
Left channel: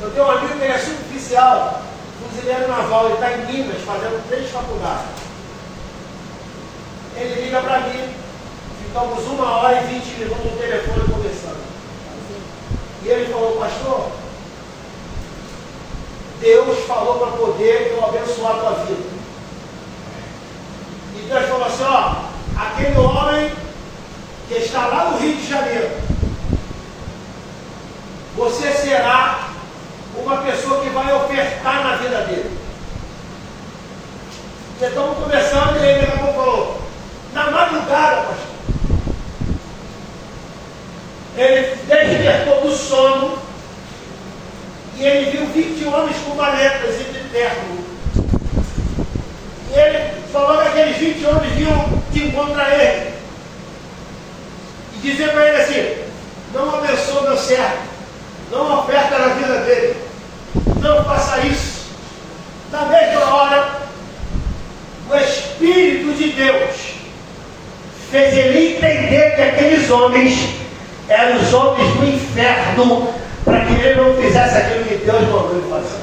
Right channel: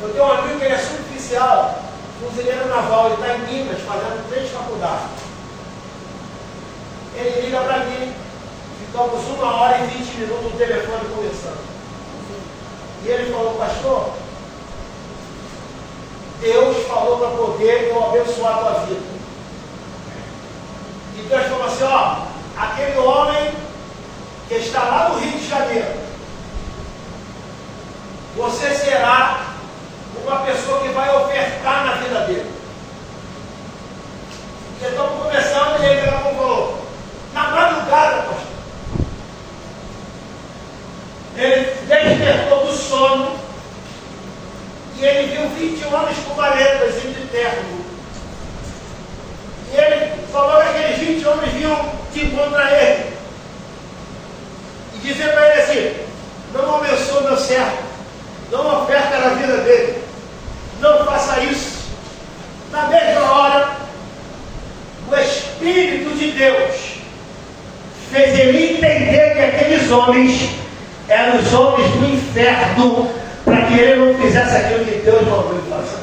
Eu tenho um amigo que é suboficial, fuzileiro naval, ele está em Minas, fazendo 3 faculdades. Ele liga para mim, ficamos 1 hora e 20 minutos no telefone conversando. E ele falou: pastor, Deus falou para poder eu abençoar a tua vida. E Deus falou assim: ó, aquele homem que está lá no Rio de Janeiro, você será uma pessoa que vai ofertar na vida dele. Já estamos começando, e ele falou: na madrugada, pastor, ele despertou do sono e ele viu 20 homens com varetas e de terno. E ele falou que aqueles 20 homens vinham de encontrar ele e dizer para ele assim: não abençoa meu servo, não oferta na vida dele, não faça isso. Na mesma hora, o Espírito de Deus fez ele entender que aqueles homens eram os homens do inferno, para que ele não fizesse aquilo que Deus mandou ele fazer.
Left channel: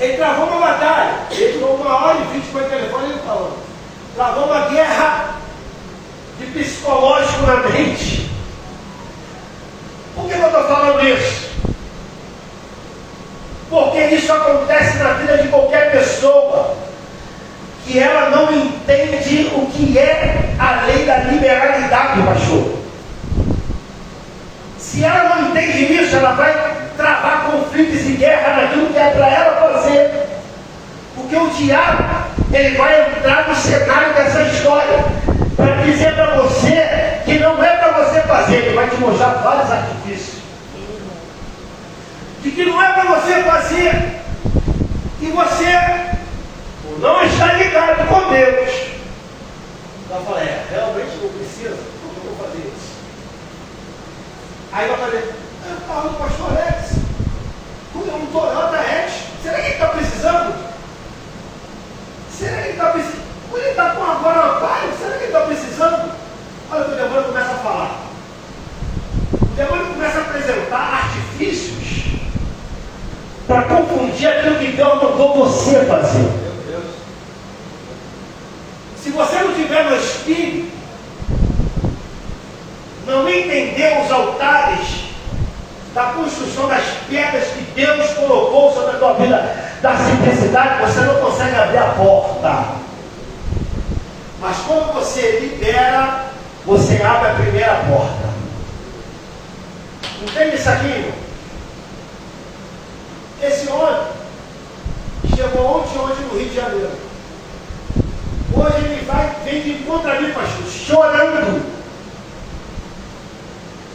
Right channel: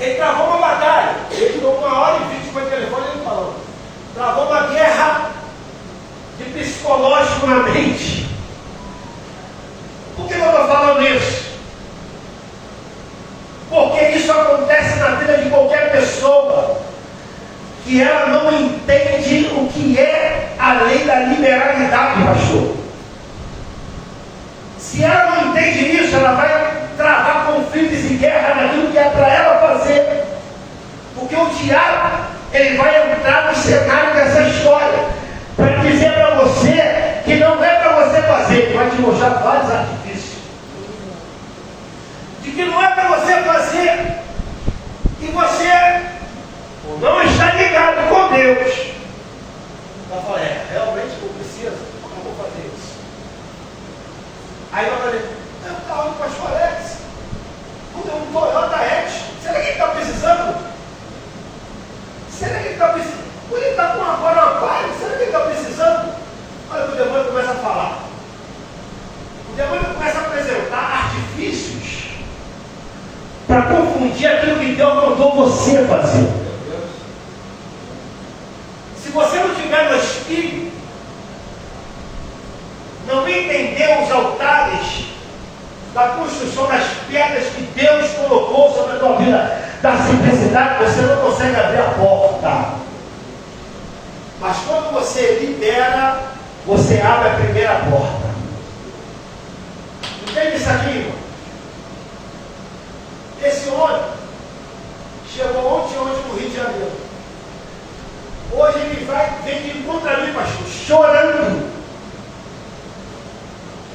Ele travou uma batalha, ele ficou 1 hora e 20 por telefone, ele falou, travou uma guerra de psicológico na mente. Por que eu estou falando isso? Porque isso acontece na vida de qualquer pessoa que ela não entende o que é a lei da liberalidade, pastor. Se ela não entende isso, ela vai travar conflitos e guerra naquilo que é para ela fazer. Porque o diabo, ele vai entrar no cenário dessa história para dizer para você que não é para você fazer, ele vai te mostrar vários artifícios. De que não é para você fazer, e você não está ligado com Deus. Então eu falei: realmente não precisa, por que eu vou fazer isso? Aí eu falei: eu falo com o pastor Alex, tudo é um Toyota X, será que ele está precisando? Será que ele está precisando? Por ele está com agora Amparo, será que ele está precisando? Olha, o demônio começa a falar. O demônio começa a apresentar artifícios para confundir aquilo que Deus mandou você fazer. Se você não tiver no Espírito, não entender os altares da construção das pedras que Deus colocou sobre a tua vida, da simplicidade, você não consegue abrir a porta. Mas quando você libera, você abre a primeira porta. Entende isso aqui, irmão? Esse homem chegou ontem no Rio de Janeiro. Hoje ele vem de encontro a mim, pastor, chorando.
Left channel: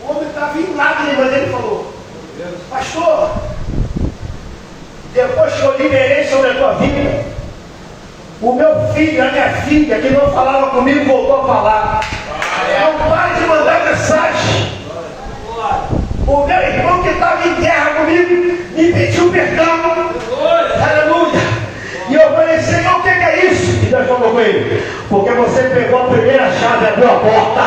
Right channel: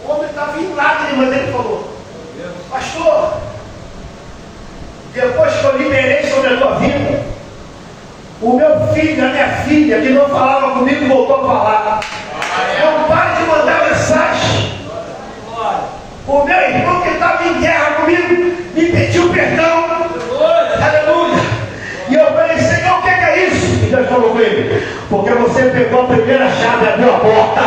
O homem estava em lágrimas, ele falou: pastor, depois que eu liberei sobre a tua vida, o meu filho, a minha filha, que não falava comigo, voltou a falar. Não pare de mandar mensagem. O meu irmão que estava em guerra comigo me pediu perdão. Aleluia. E eu falei, Senhor, o que é isso? E Deus falou com ele: porque você pegou a primeira chave e abriu a porta.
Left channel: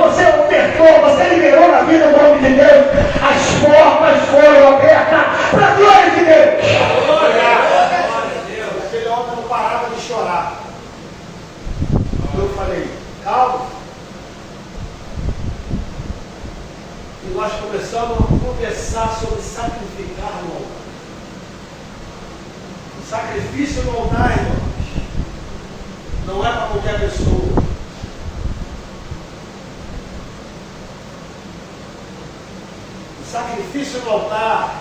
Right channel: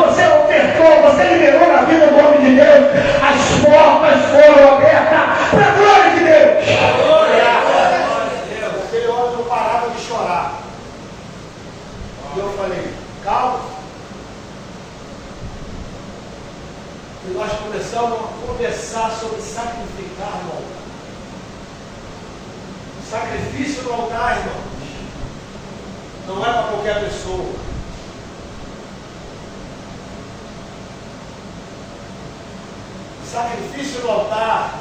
Você ofertou, você liberou na vida do homem de Deus. As portas foram abertas para a glória de Deus. Aquele homem não parava de chorar. E eu falei, calma. E nós começamos a conversar sobre sacrificar no altar. Sacrifício no altar, irmãos, não é para qualquer pessoa. Sacrifício no altar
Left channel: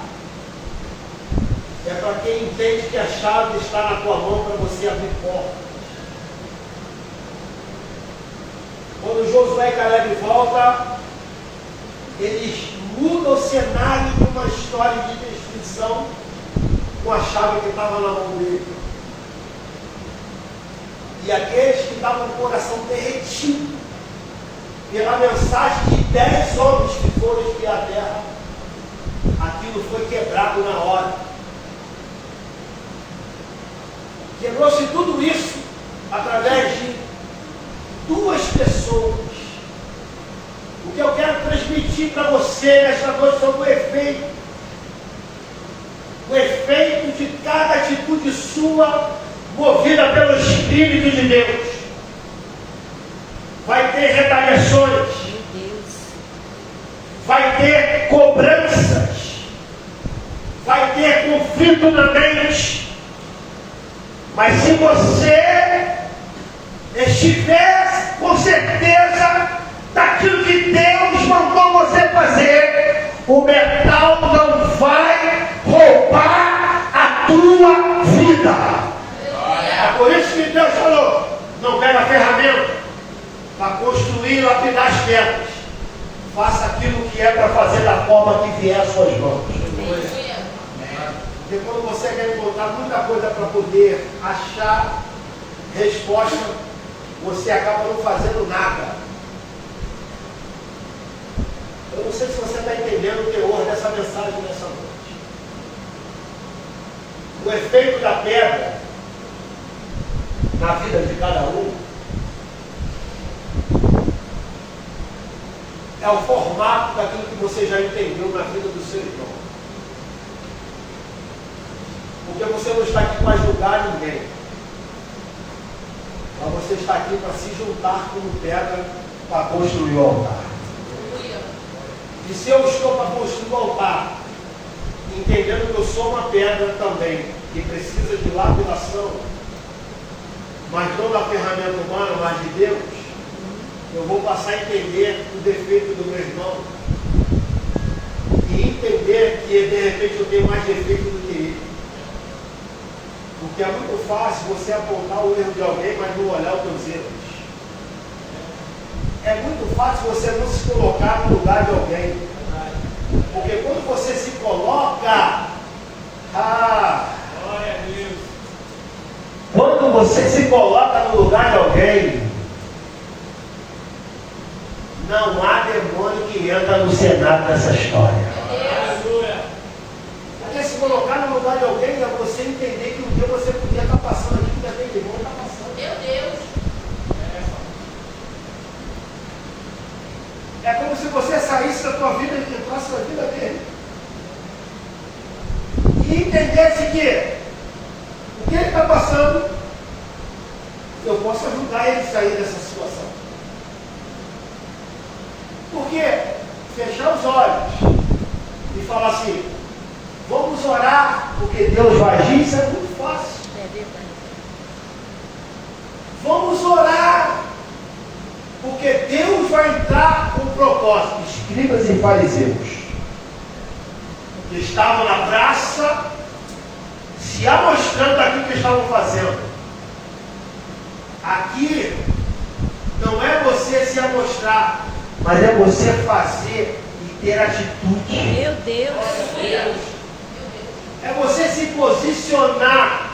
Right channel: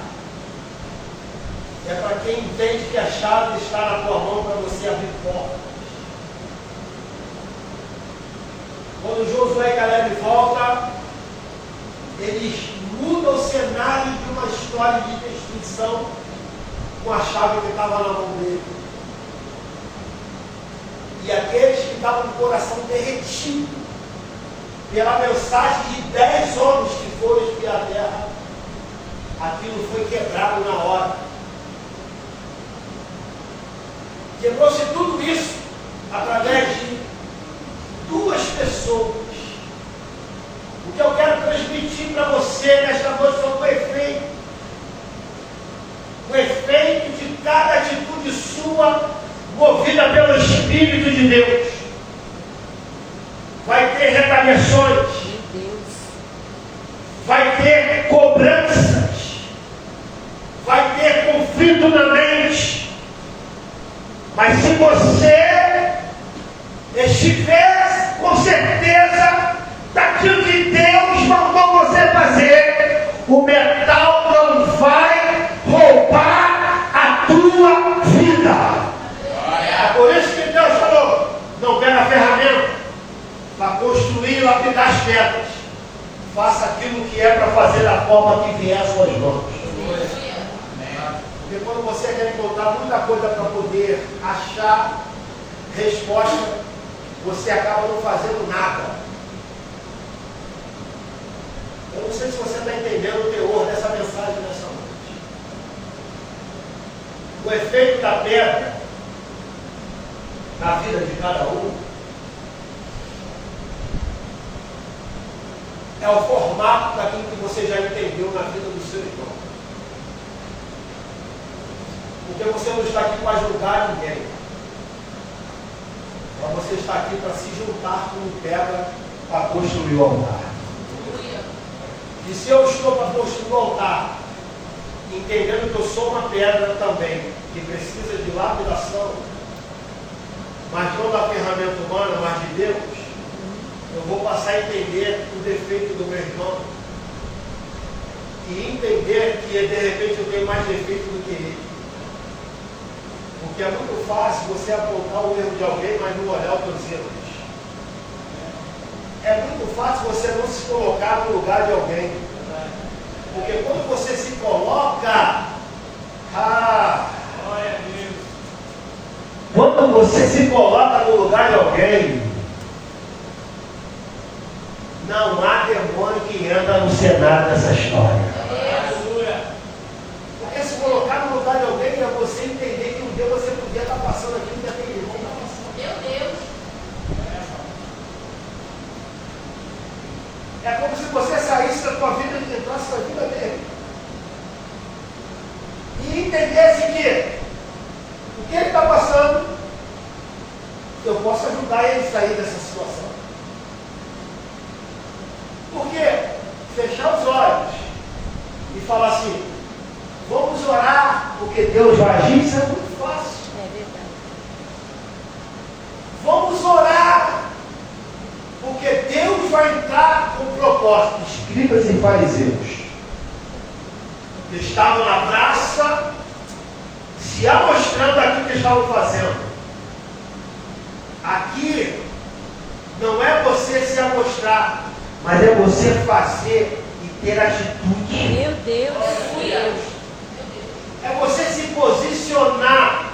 é para quem entende que a chave está na tua mão para você abrir portas. Quando Josué e Caleb voltam, eles mudam o cenário de uma história de destruição com a chave que estava na mão dele. E aqueles que estavam com o coração derretido pela mensagem de 10 homens que foram espiar a terra, aquilo foi quebrado na hora. Quebrou-se tudo isso através de 2 pessoas. O que eu quero transmitir para você nesta noite foi o efeito de cada atitude sua movida pelo Espírito de Deus. Vai ter retaliações, Meu Deus. vai ter cobranças, vai ter conflito na mente. Mas se você estiver com certeza daquilo que Deus mandou você fazer, o metal não vai roubar a tua vida. É por isso que Deus falou: não pega a ferramenta para construir e lapidar as pedras. Faça aquilo que é para fazer da forma que vier às suas mãos. Porque quando você quer encontrar muita coisa para poder achar resposta, você acaba não fazendo nada. Eu não sei se você está entendendo o teor dessa mensagem nessa noite. O efeito da pedra na vida de cada um é o formato daquilo que você já entendeu na vida do seu irmão. Porque você não está aqui para julgar ninguém, mas você está aqui para se juntar como pedra para construir o altar. E se eu estou para construir o altar, entendendo que eu sou uma pedra também, que precisa de lapidação, mas não da ferramenta humana, mas de Deus, eu vou passar a entender o defeito do meu irmão e entender que de repente eu tenho mais defeito do que ele. Porque é muito fácil você apontar o erro de alguém, mas não olhar os teus erros. É muito fácil você não se colocar no lugar de alguém. Porque quando você se coloca, quando você se coloca no lugar de alguém, não há demônio que entra no cenário dessa história. Porque se colocar no lugar de alguém é você entender que o que você podia estar passando aqui, ainda tem irmão que está passando. Meu Deus. É como se você saísse da tua vida e entrasse na vida dele. E entendesse que o que ele está passando, eu posso ajudar ele a sair dessa situação. Porque fechar os olhos e falar assim, vamos orar porque Deus vai agir, isso é muito fácil. É verdade. Vamos orar porque Deus vai entrar com propósito. Escribas e fariseus estavam na praça se amostrando aquilo que estavam fazendo. Aqui não é você se amostrar, mas é você fazer e ter atitude. Meu Deus. É você se posicionar posicionar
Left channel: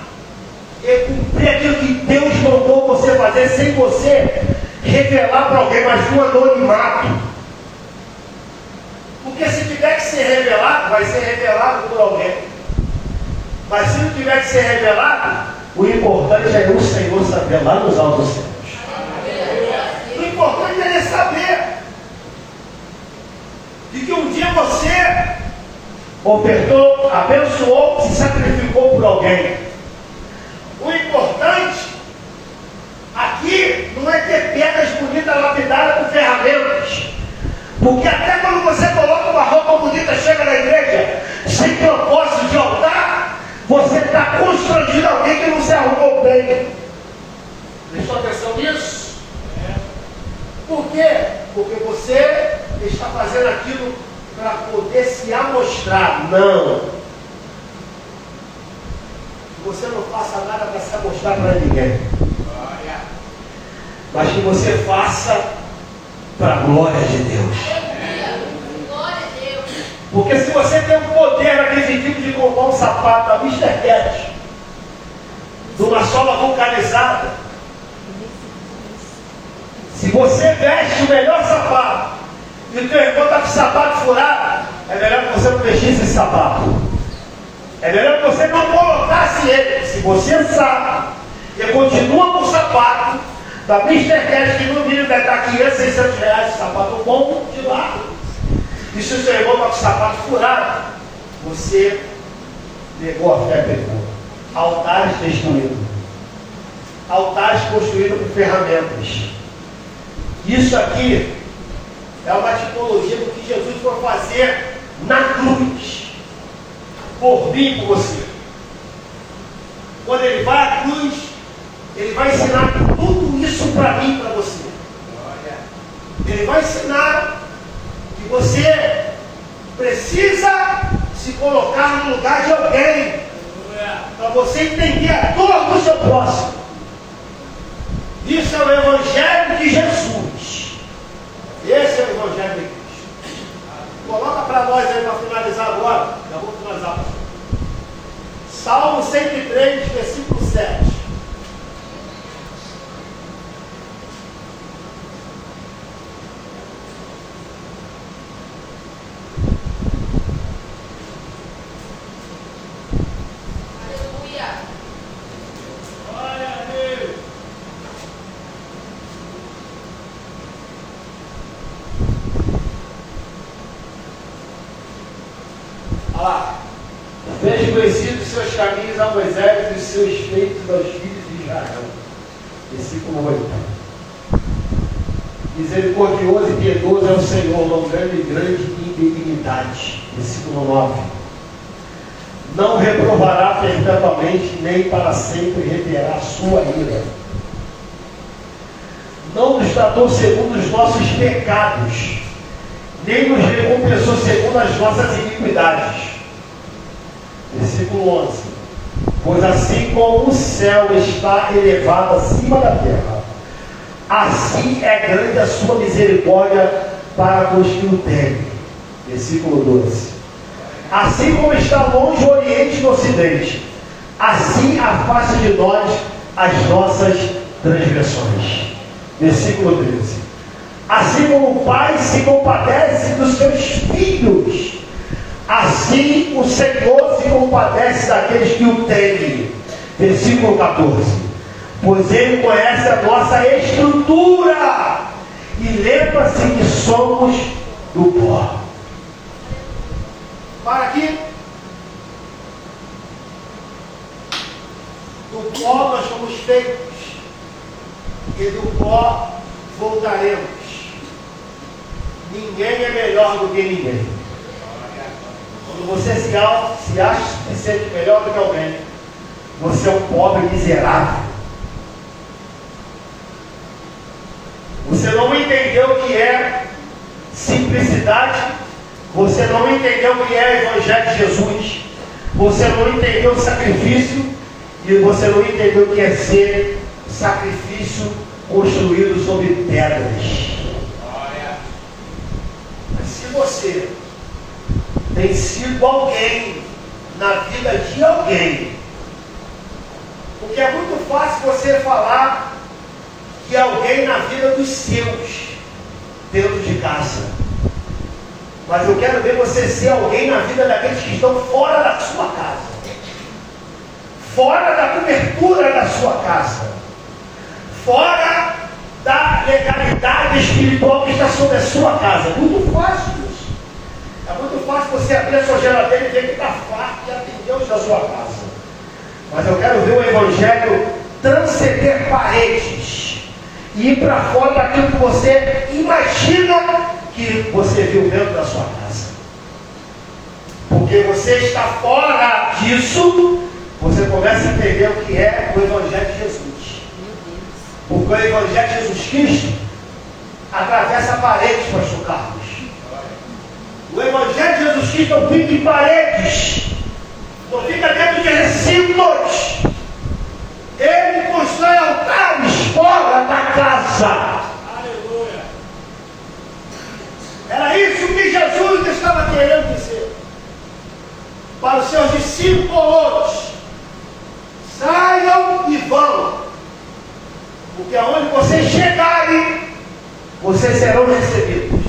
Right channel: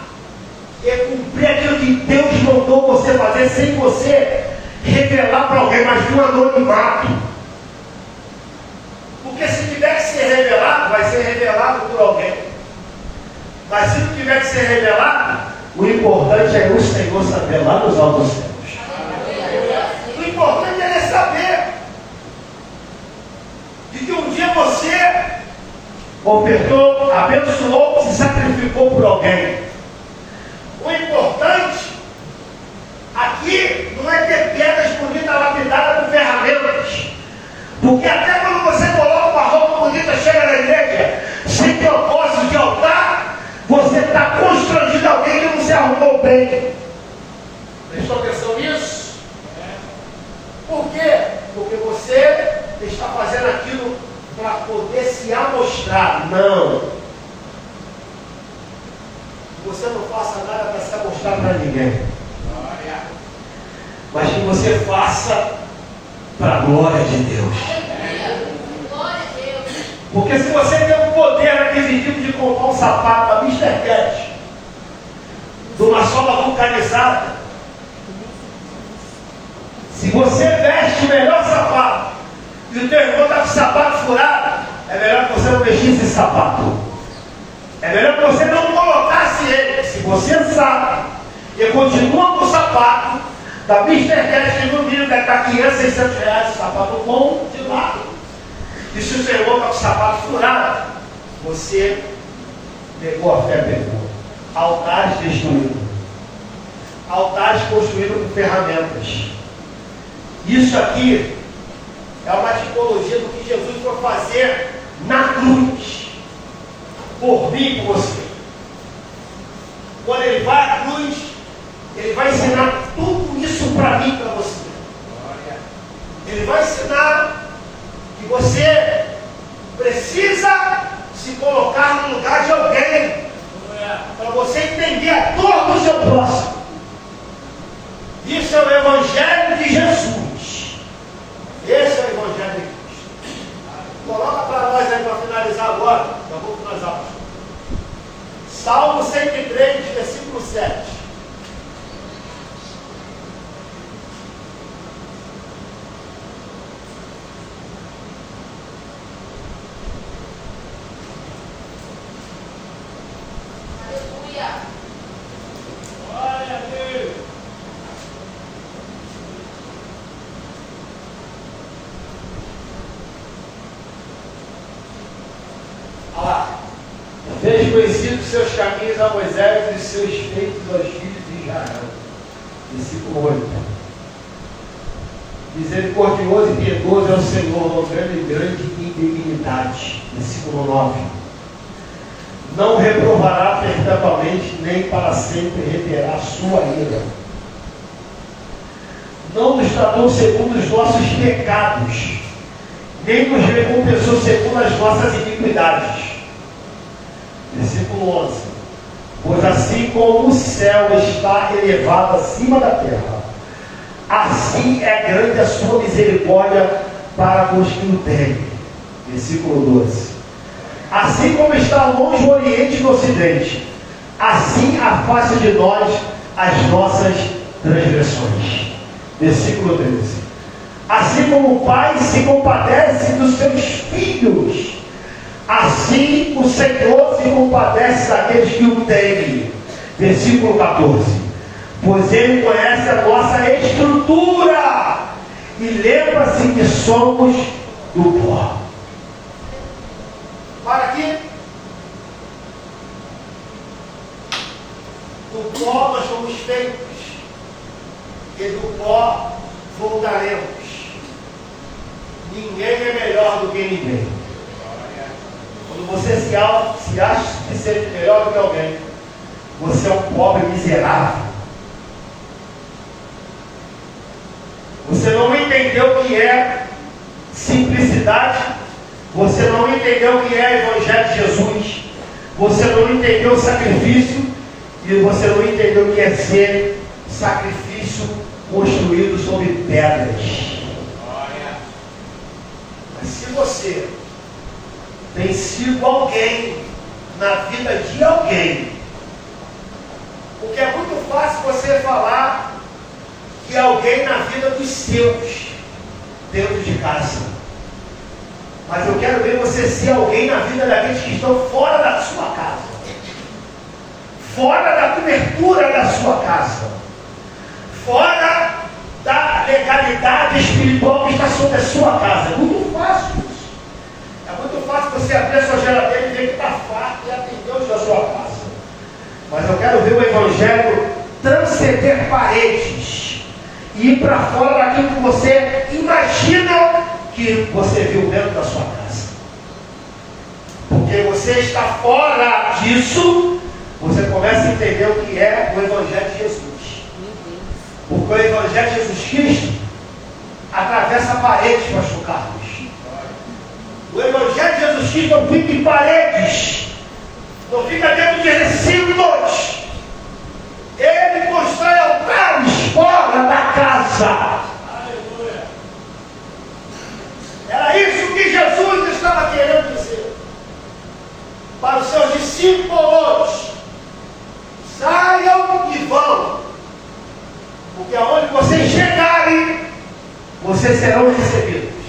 e cumprir aquilo que Deus mandou você fazer sem você revelar para alguém, mas no anonimato. Porque se tiver que ser revelado, vai ser revelado por alguém. Mas se não tiver que ser revelado, o importante é o Senhor saber lá nos altos céus. O importante é ele saber de que um dia você ofertou, abençoou, se sacrificou por alguém. O importante aqui não é ter pedras bonitas lapidadas com ferramentas. Porque até quando você coloca uma roupa bonita, chega na igreja, sem propósito de altar, você está constrangindo alguém que não se arrumou bem. Prestou atenção nisso? Por quê? Porque você está fazendo aquilo para poder se amostrar. Não. Você não faça nada para se amostrar para ninguém. Mas que você faça para a glória de Deus. Porque se você tem o poder aquisitivo de comprar um sapato da Mr. Cat, de uma sola vulcanizada, se você veste o melhor sapato e o teu irmão está com o sapato furado, é melhor que você não mexesse esse sapato. É melhor que você não colocasse ele. Se você sabe e continua com o sapato da Mr. Cat, que no mínimo deve estar 500, 600 reais, esse sapato bom de lado. E se o seu irmão está com o sapato furado, você negou a fé, pegou. Altares destruídos. Altares construídos com ferramentas. Isso aqui é uma tipologia do que Jesus foi fazer na cruz. Por mim e por você. Quando ele vai à cruz, ele vai ensinar tudo isso para mim e para você. Ele vai ensinar que você precisa se colocar no lugar de alguém para você entender a dor do seu próximo. Isso é o Evangelho de Jesus. Esse é o Evangelho de Cristo. Coloca para nós aí para finalizar agora. Já vou finalizar. Salmo 103, versículo 7. Fez conhecidos seus caminhos a Moisés e seus feitos aos filhos de Israel. Versículo 8. Misericordioso e piedoso é o Senhor, longando em grande benignidade. Versículo 9. Não reprovará perpetuamente, nem para sempre reterá a sua ira. Não nos tratou segundo os nossos pecados, nem nos recompensou segundo as nossas iniquidades. Versículo 11. Pois assim como o céu está elevado acima da terra, assim é grande a sua misericórdia para os que o temem. Versículo 12. Assim como está longe o Oriente do Ocidente, assim afasta de nós as nossas transgressões. Versículo 13. Assim como o Pai se compadece dos seus filhos, assim o Senhor se compadece daqueles que o temem. Versículo 14. Pois Ele conhece a nossa estrutura e lembra-se que somos do pó. Para aqui. Do pó nós somos feitos e do pó voltaremos. Ninguém é melhor do que ninguém. Quando você se acha suficiente melhor do que alguém, você é um pobre miserável. Você não entendeu o que é simplicidade, você não entendeu o que é o Evangelho de Jesus, você não entendeu o sacrifício e você não entendeu o que é ser sacrifício construído sobre pedras. Mas se você tem sido alguém na vida de alguém, Porque é muito fácil você falar que alguém na vida dos seus, dentro de casa. Mas eu quero ver você ser alguém na vida daqueles que estão fora da sua casa. Fora da cobertura da sua casa. Fora da legalidade espiritual que está sobre a sua casa. É muito fácil isso. É muito fácil você abrir a sua geladeira e ver que está farto e atender os da sua casa. Mas eu quero ver o Evangelho transcender paredes e ir para fora daquilo que você imagina que você viu dentro da sua casa. Porque você está fora disso, você começa a entender o que é o Evangelho de Jesus. Porque o Evangelho de Jesus Cristo atravessa paredes, pastor Carlos. O Evangelho de Jesus Cristo não fica em paredes, não fica dentro de recintos. Ele constrói altares fora da casa. Era isso que Jesus estava querendo dizer para os seus discípulos: saiam e vão, porque aonde vocês chegarem, vocês serão recebidos.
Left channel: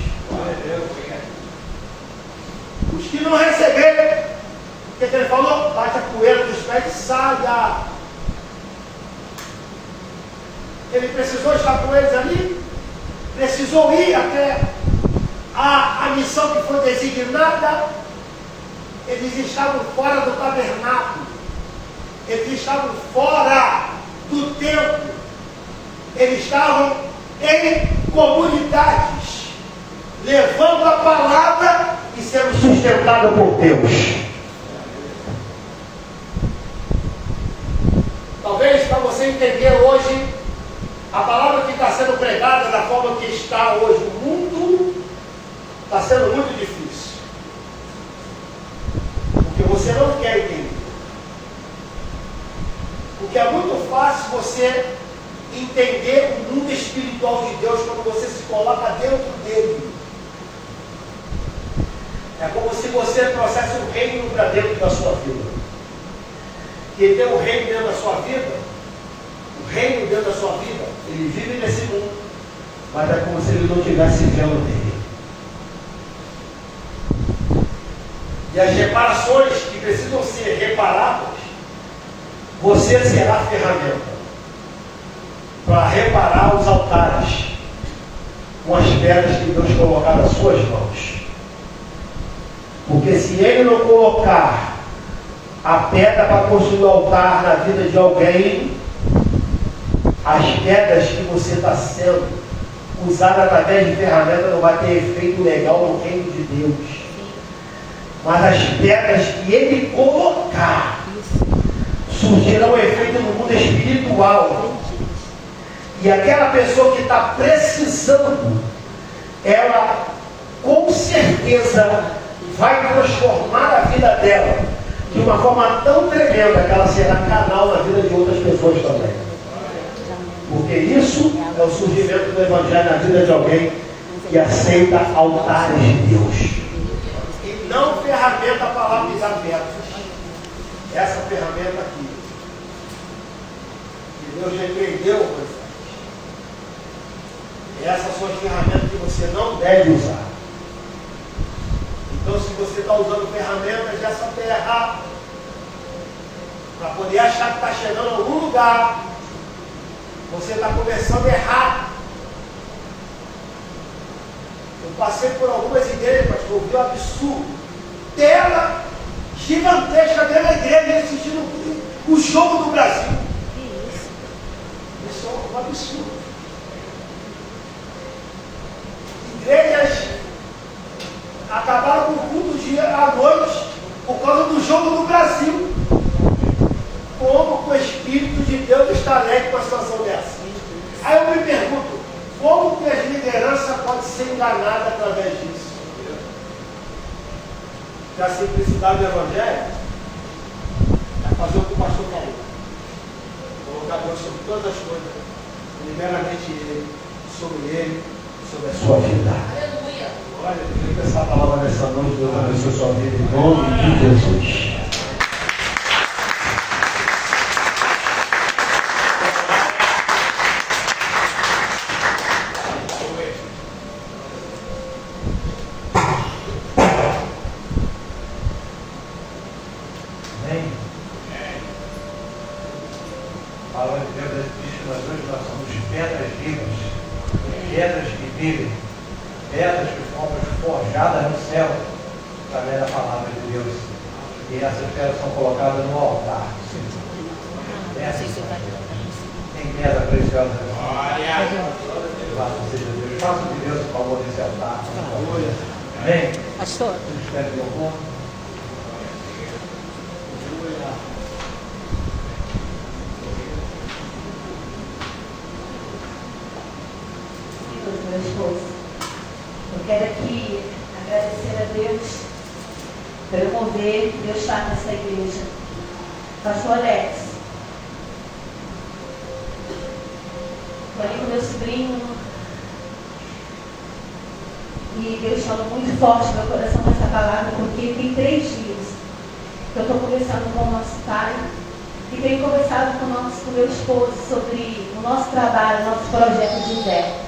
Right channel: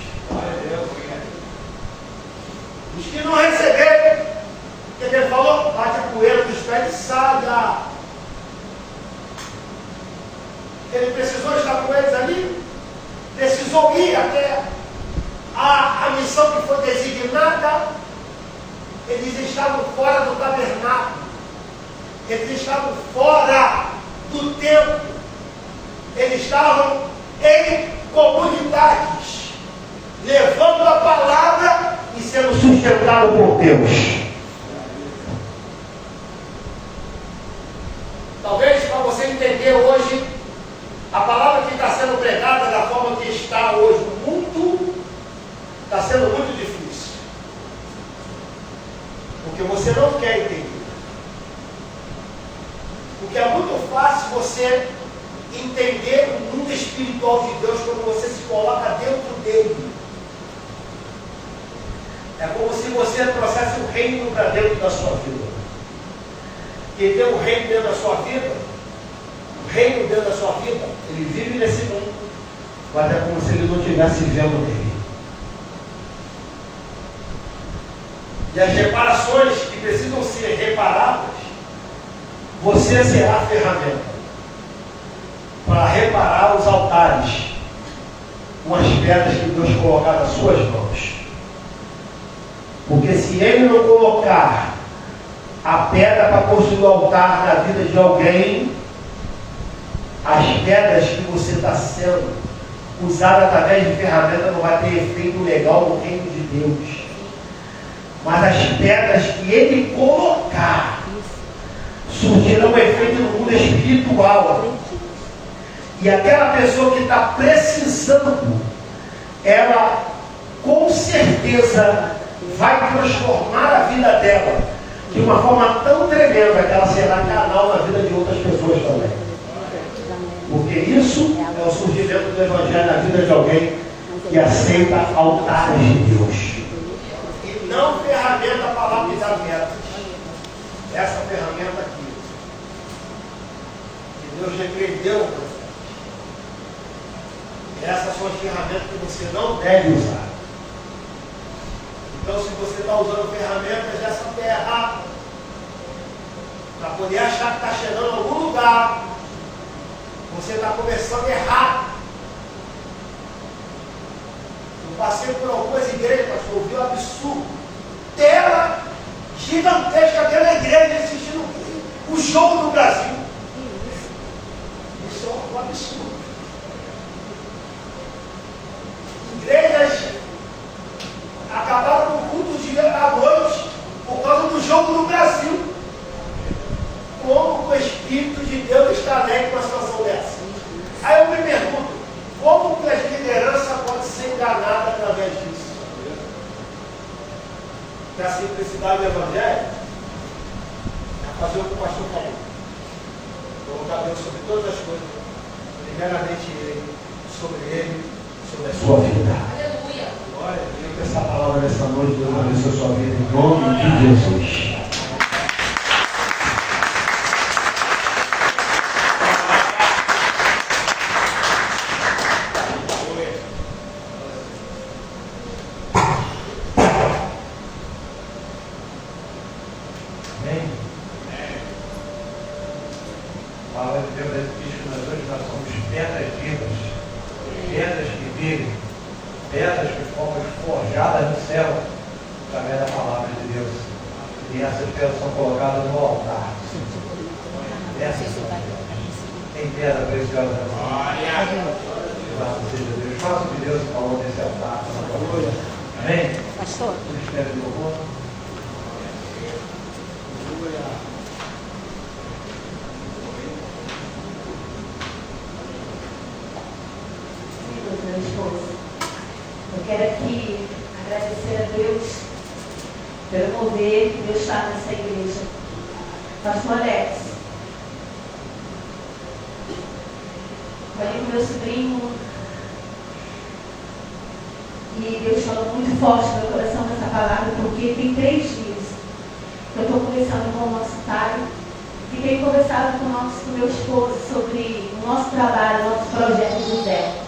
Os que não receberem, o que ele falou? Bate a poeira dos pés e saia. Ele precisou estar com eles ali, precisou ir até a missão que foi designada. Eles estavam fora do tabernáculo, eles estavam fora do templo, eles estavam em comunidades, levando a palavra e sendo sustentado por Deus. Talvez para você entender hoje, a palavra que está sendo pregada da forma que está hoje no mundo, está sendo muito difícil. Porque você não quer entender. Porque é muito fácil você entender o mundo espiritual de Deus quando você se coloca dentro dele. É como se você trouxesse um reino para dentro da sua vida. Quem tem um reino dentro da sua vida, o reino dentro da sua vida, ele vive nesse mundo, mas é como se ele não estivesse vivendo nele. E as reparações que precisam ser reparadas, você será a ferramenta para reparar os altares com as pedras que Deus colocar nas suas mãos. Porque se ele não colocar a pedra para construir o altar na vida de alguém, as pedras que você está sendo usada através de ferramenta não vai ter efeito legal no reino de Deus. Mas as pedras que ele colocar surgirão efeito no mundo espiritual. E aquela pessoa que está precisando, ela com certeza vai transformar a vida dela de uma forma tão tremenda que ela será canal na vida de outras pessoas também. Porque isso é o surgimento do Evangelho na vida de alguém que aceita altares de Deus. E não ferramenta para lapidar metas. Essa ferramenta aqui, que Deus repreendeu você. Essas são as ferramentas que você não deve usar. Então, se você está usando ferramentas dessa terra para poder achar que está chegando a algum lugar, você está começando errado. Eu passei por algumas igrejas, mas eu vi um absurdo. Tela gigantesca dentro da igreja assistindo o jogo do Brasil. Isso é um absurdo. Igrejas acabaram com o culto à noite por causa do jogo do Brasil. Como o Espírito de Deus está alegre com a situação dessa? Aí eu me pergunto, como que as lideranças podem ser enganadas através disso? Que a simplicidade do Evangelho é fazer o que o pastor quer. Colocar Deus sobre todas as coisas. Primeiramente Ele, sobre a sua vida. Olha, eu queria que essa palavra nessa noite, Deus abençoe a sua vida em nome de Jesus. A palavra de Deus diz que nós hoje somos pedras vivas, pedras que vivem, pedras que fomos forjadas no céu, através da palavra de Deus. E essas pedras são colocadas no altar. Essas tem pedra preciosa. Louvado seja Deus. Faça o que Deus falou nesse altar. Amém? Pastor. Espere o louvor. Meu esposo, eu quero aqui agradecer a Deus pelo poder que Deus está nessa igreja. Pastor Alex, falei com meu sobrinho e Deus falou muito forte no meu coração com essa palavra, porque tem 3 dias que eu estou conversando com o nosso pai e tenho conversado com o meu esposo sobre o nosso trabalho, o nosso projeto de José.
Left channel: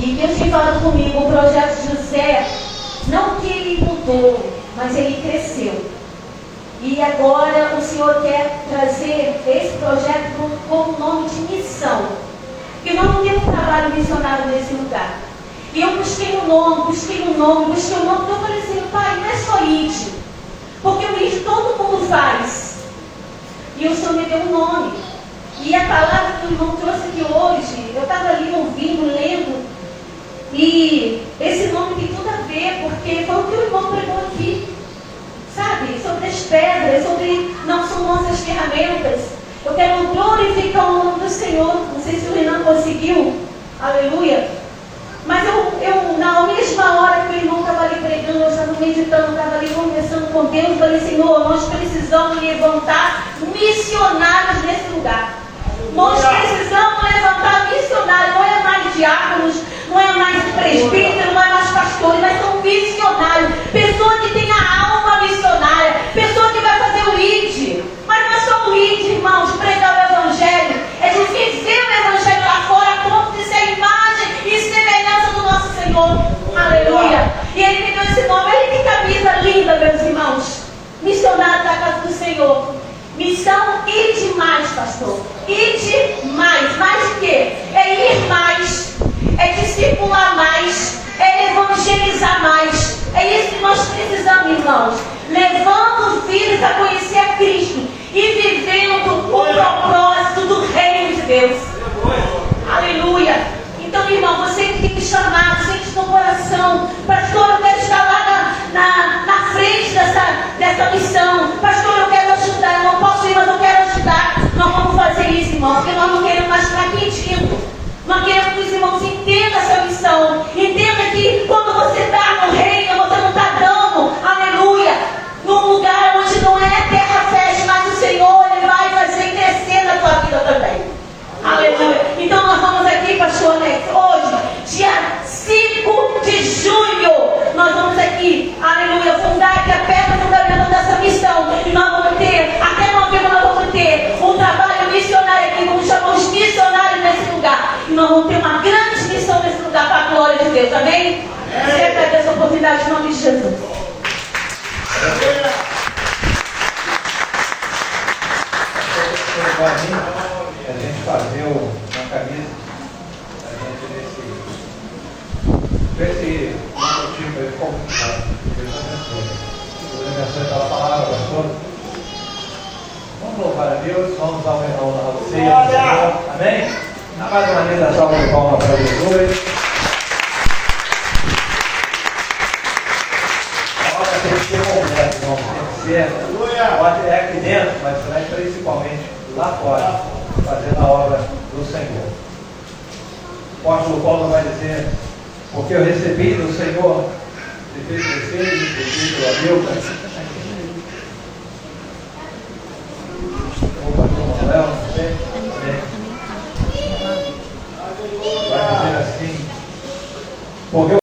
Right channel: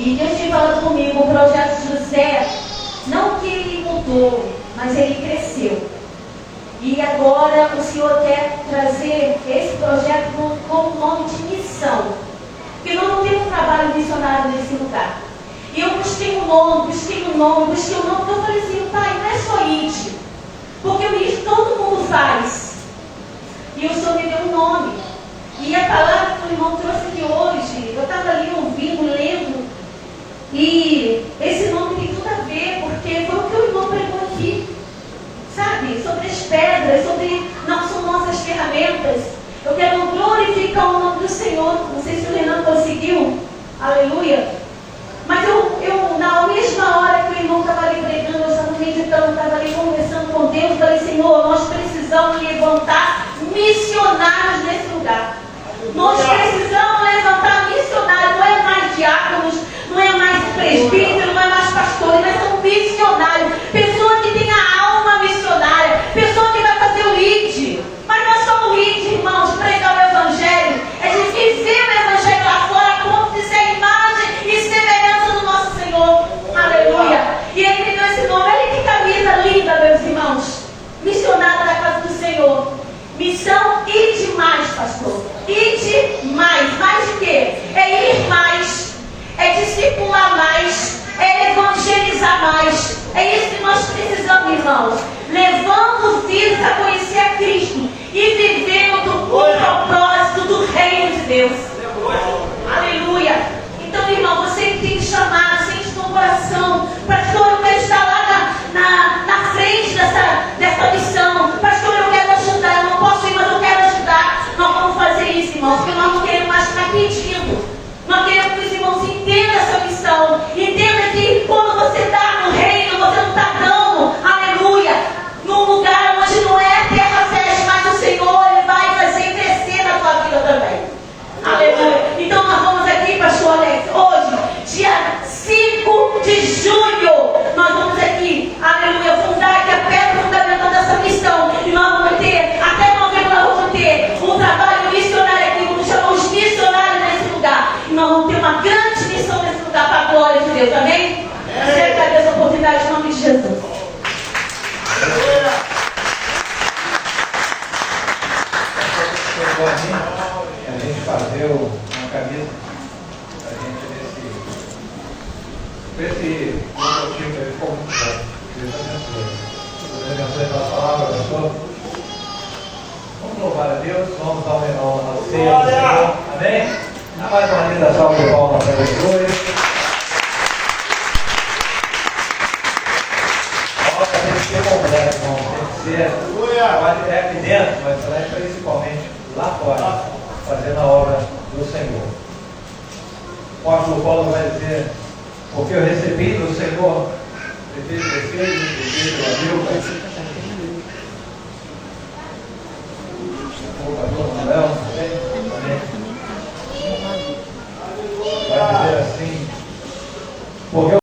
E Deus tem falado comigo, o projeto de José, não que ele mudou, mas ele cresceu. E agora o Senhor quer trazer esse projeto com o nome de missão. Porque nós não temos trabalho missionário nesse lugar. E eu busquei um nome. Eu falei assim, pai, não é só ID. Porque o ID todo mundo faz. E o Senhor me deu um nome. E a palavra que o irmão trouxe aqui hoje, eu estava ali ouvindo, lendo. E esse nome tem tudo a ver, porque foi o que o irmão pregou aqui. Sabe? Sobre as pedras, não são nossas ferramentas. Eu quero glorificar o nome do Senhor. Não sei se o Renan conseguiu. Aleluia. Mas eu na mesma hora que o irmão estava ali pregando, eu estava meditando, eu estava ali conversando com Deus, eu falei, Senhor, nós precisamos levantar missionários nesse lugar. Nós precisamos levantar missionários. Não é mais diáconos, não é mais presbítero, não é mais pastores, nós somos missionários. Pessoa que tem a alma missionária, pessoa que vai fazer o ID. Mas nós somos ID, irmãos, pregar o Evangelho. É de viver o Evangelho lá fora, a ponto de ser a imagem e semelhança do nosso Senhor. Aleluia. E ele me deu esse nome. Olha que camisa linda, meus irmãos. Missionário da casa do Senhor. Missão ir mais, pastor. Ir mais. Mais de quê? É ir mais. É discipular mais. É evangelizar mais. É isso que nós precisamos, irmãos. Levando filhos a conhecer a Cristo. E vivendo o propósito do reino de Deus. Aleluia. Então, irmão, você que tem me chamado, sente no coração. Pastor, eu quero estar lá na frente dessa missão. Pastor, eu quero ajudar. Eu não posso ir, mas eu quero ajudar. Nós vamos fazer isso, irmão, porque nós não queremos mais ficar pedindo. Nós queremos que os irmãos entendam essa missão. Entenda que quando você está no reino, você não está dando, aleluia, num lugar onde não é terra fértil, mas o Senhor ele vai fazer crescer na tua vida também. Aleluia. Então nós vamos aqui, pastor Alex, hoje, dia 5 de junho, nós vamos aqui, aleluia, fundar aqui a pedra fundamental dessa missão. E nós vamos ter, até novembro nós vamos ter um trabalho missionário aqui, vamos chamar os missionários nesse lugar. E nós vamos ter uma grande missão nesse lugar para a glória de Deus, amém? Eu agradeço a oportunidade em nome de Jesus. A gente fazer uma camisa a gente nesse motivo aí ficou muito bom. Deus abençoe pela palavra, pastor. Vamos louvar a Deus, vamos dar uma ceia ao Senhor. Amém? Dá mais uma linda salva de palmas para Jesus. Tem que ser completo, irmão. Tem que ser. Pode é aqui dentro, mas principalmente lá fora, fazendo a obra do Senhor. O apóstolo Paulo vai dizer, porque eu recebi do Senhor, recebi do Espírito, recebi pela Bíblia,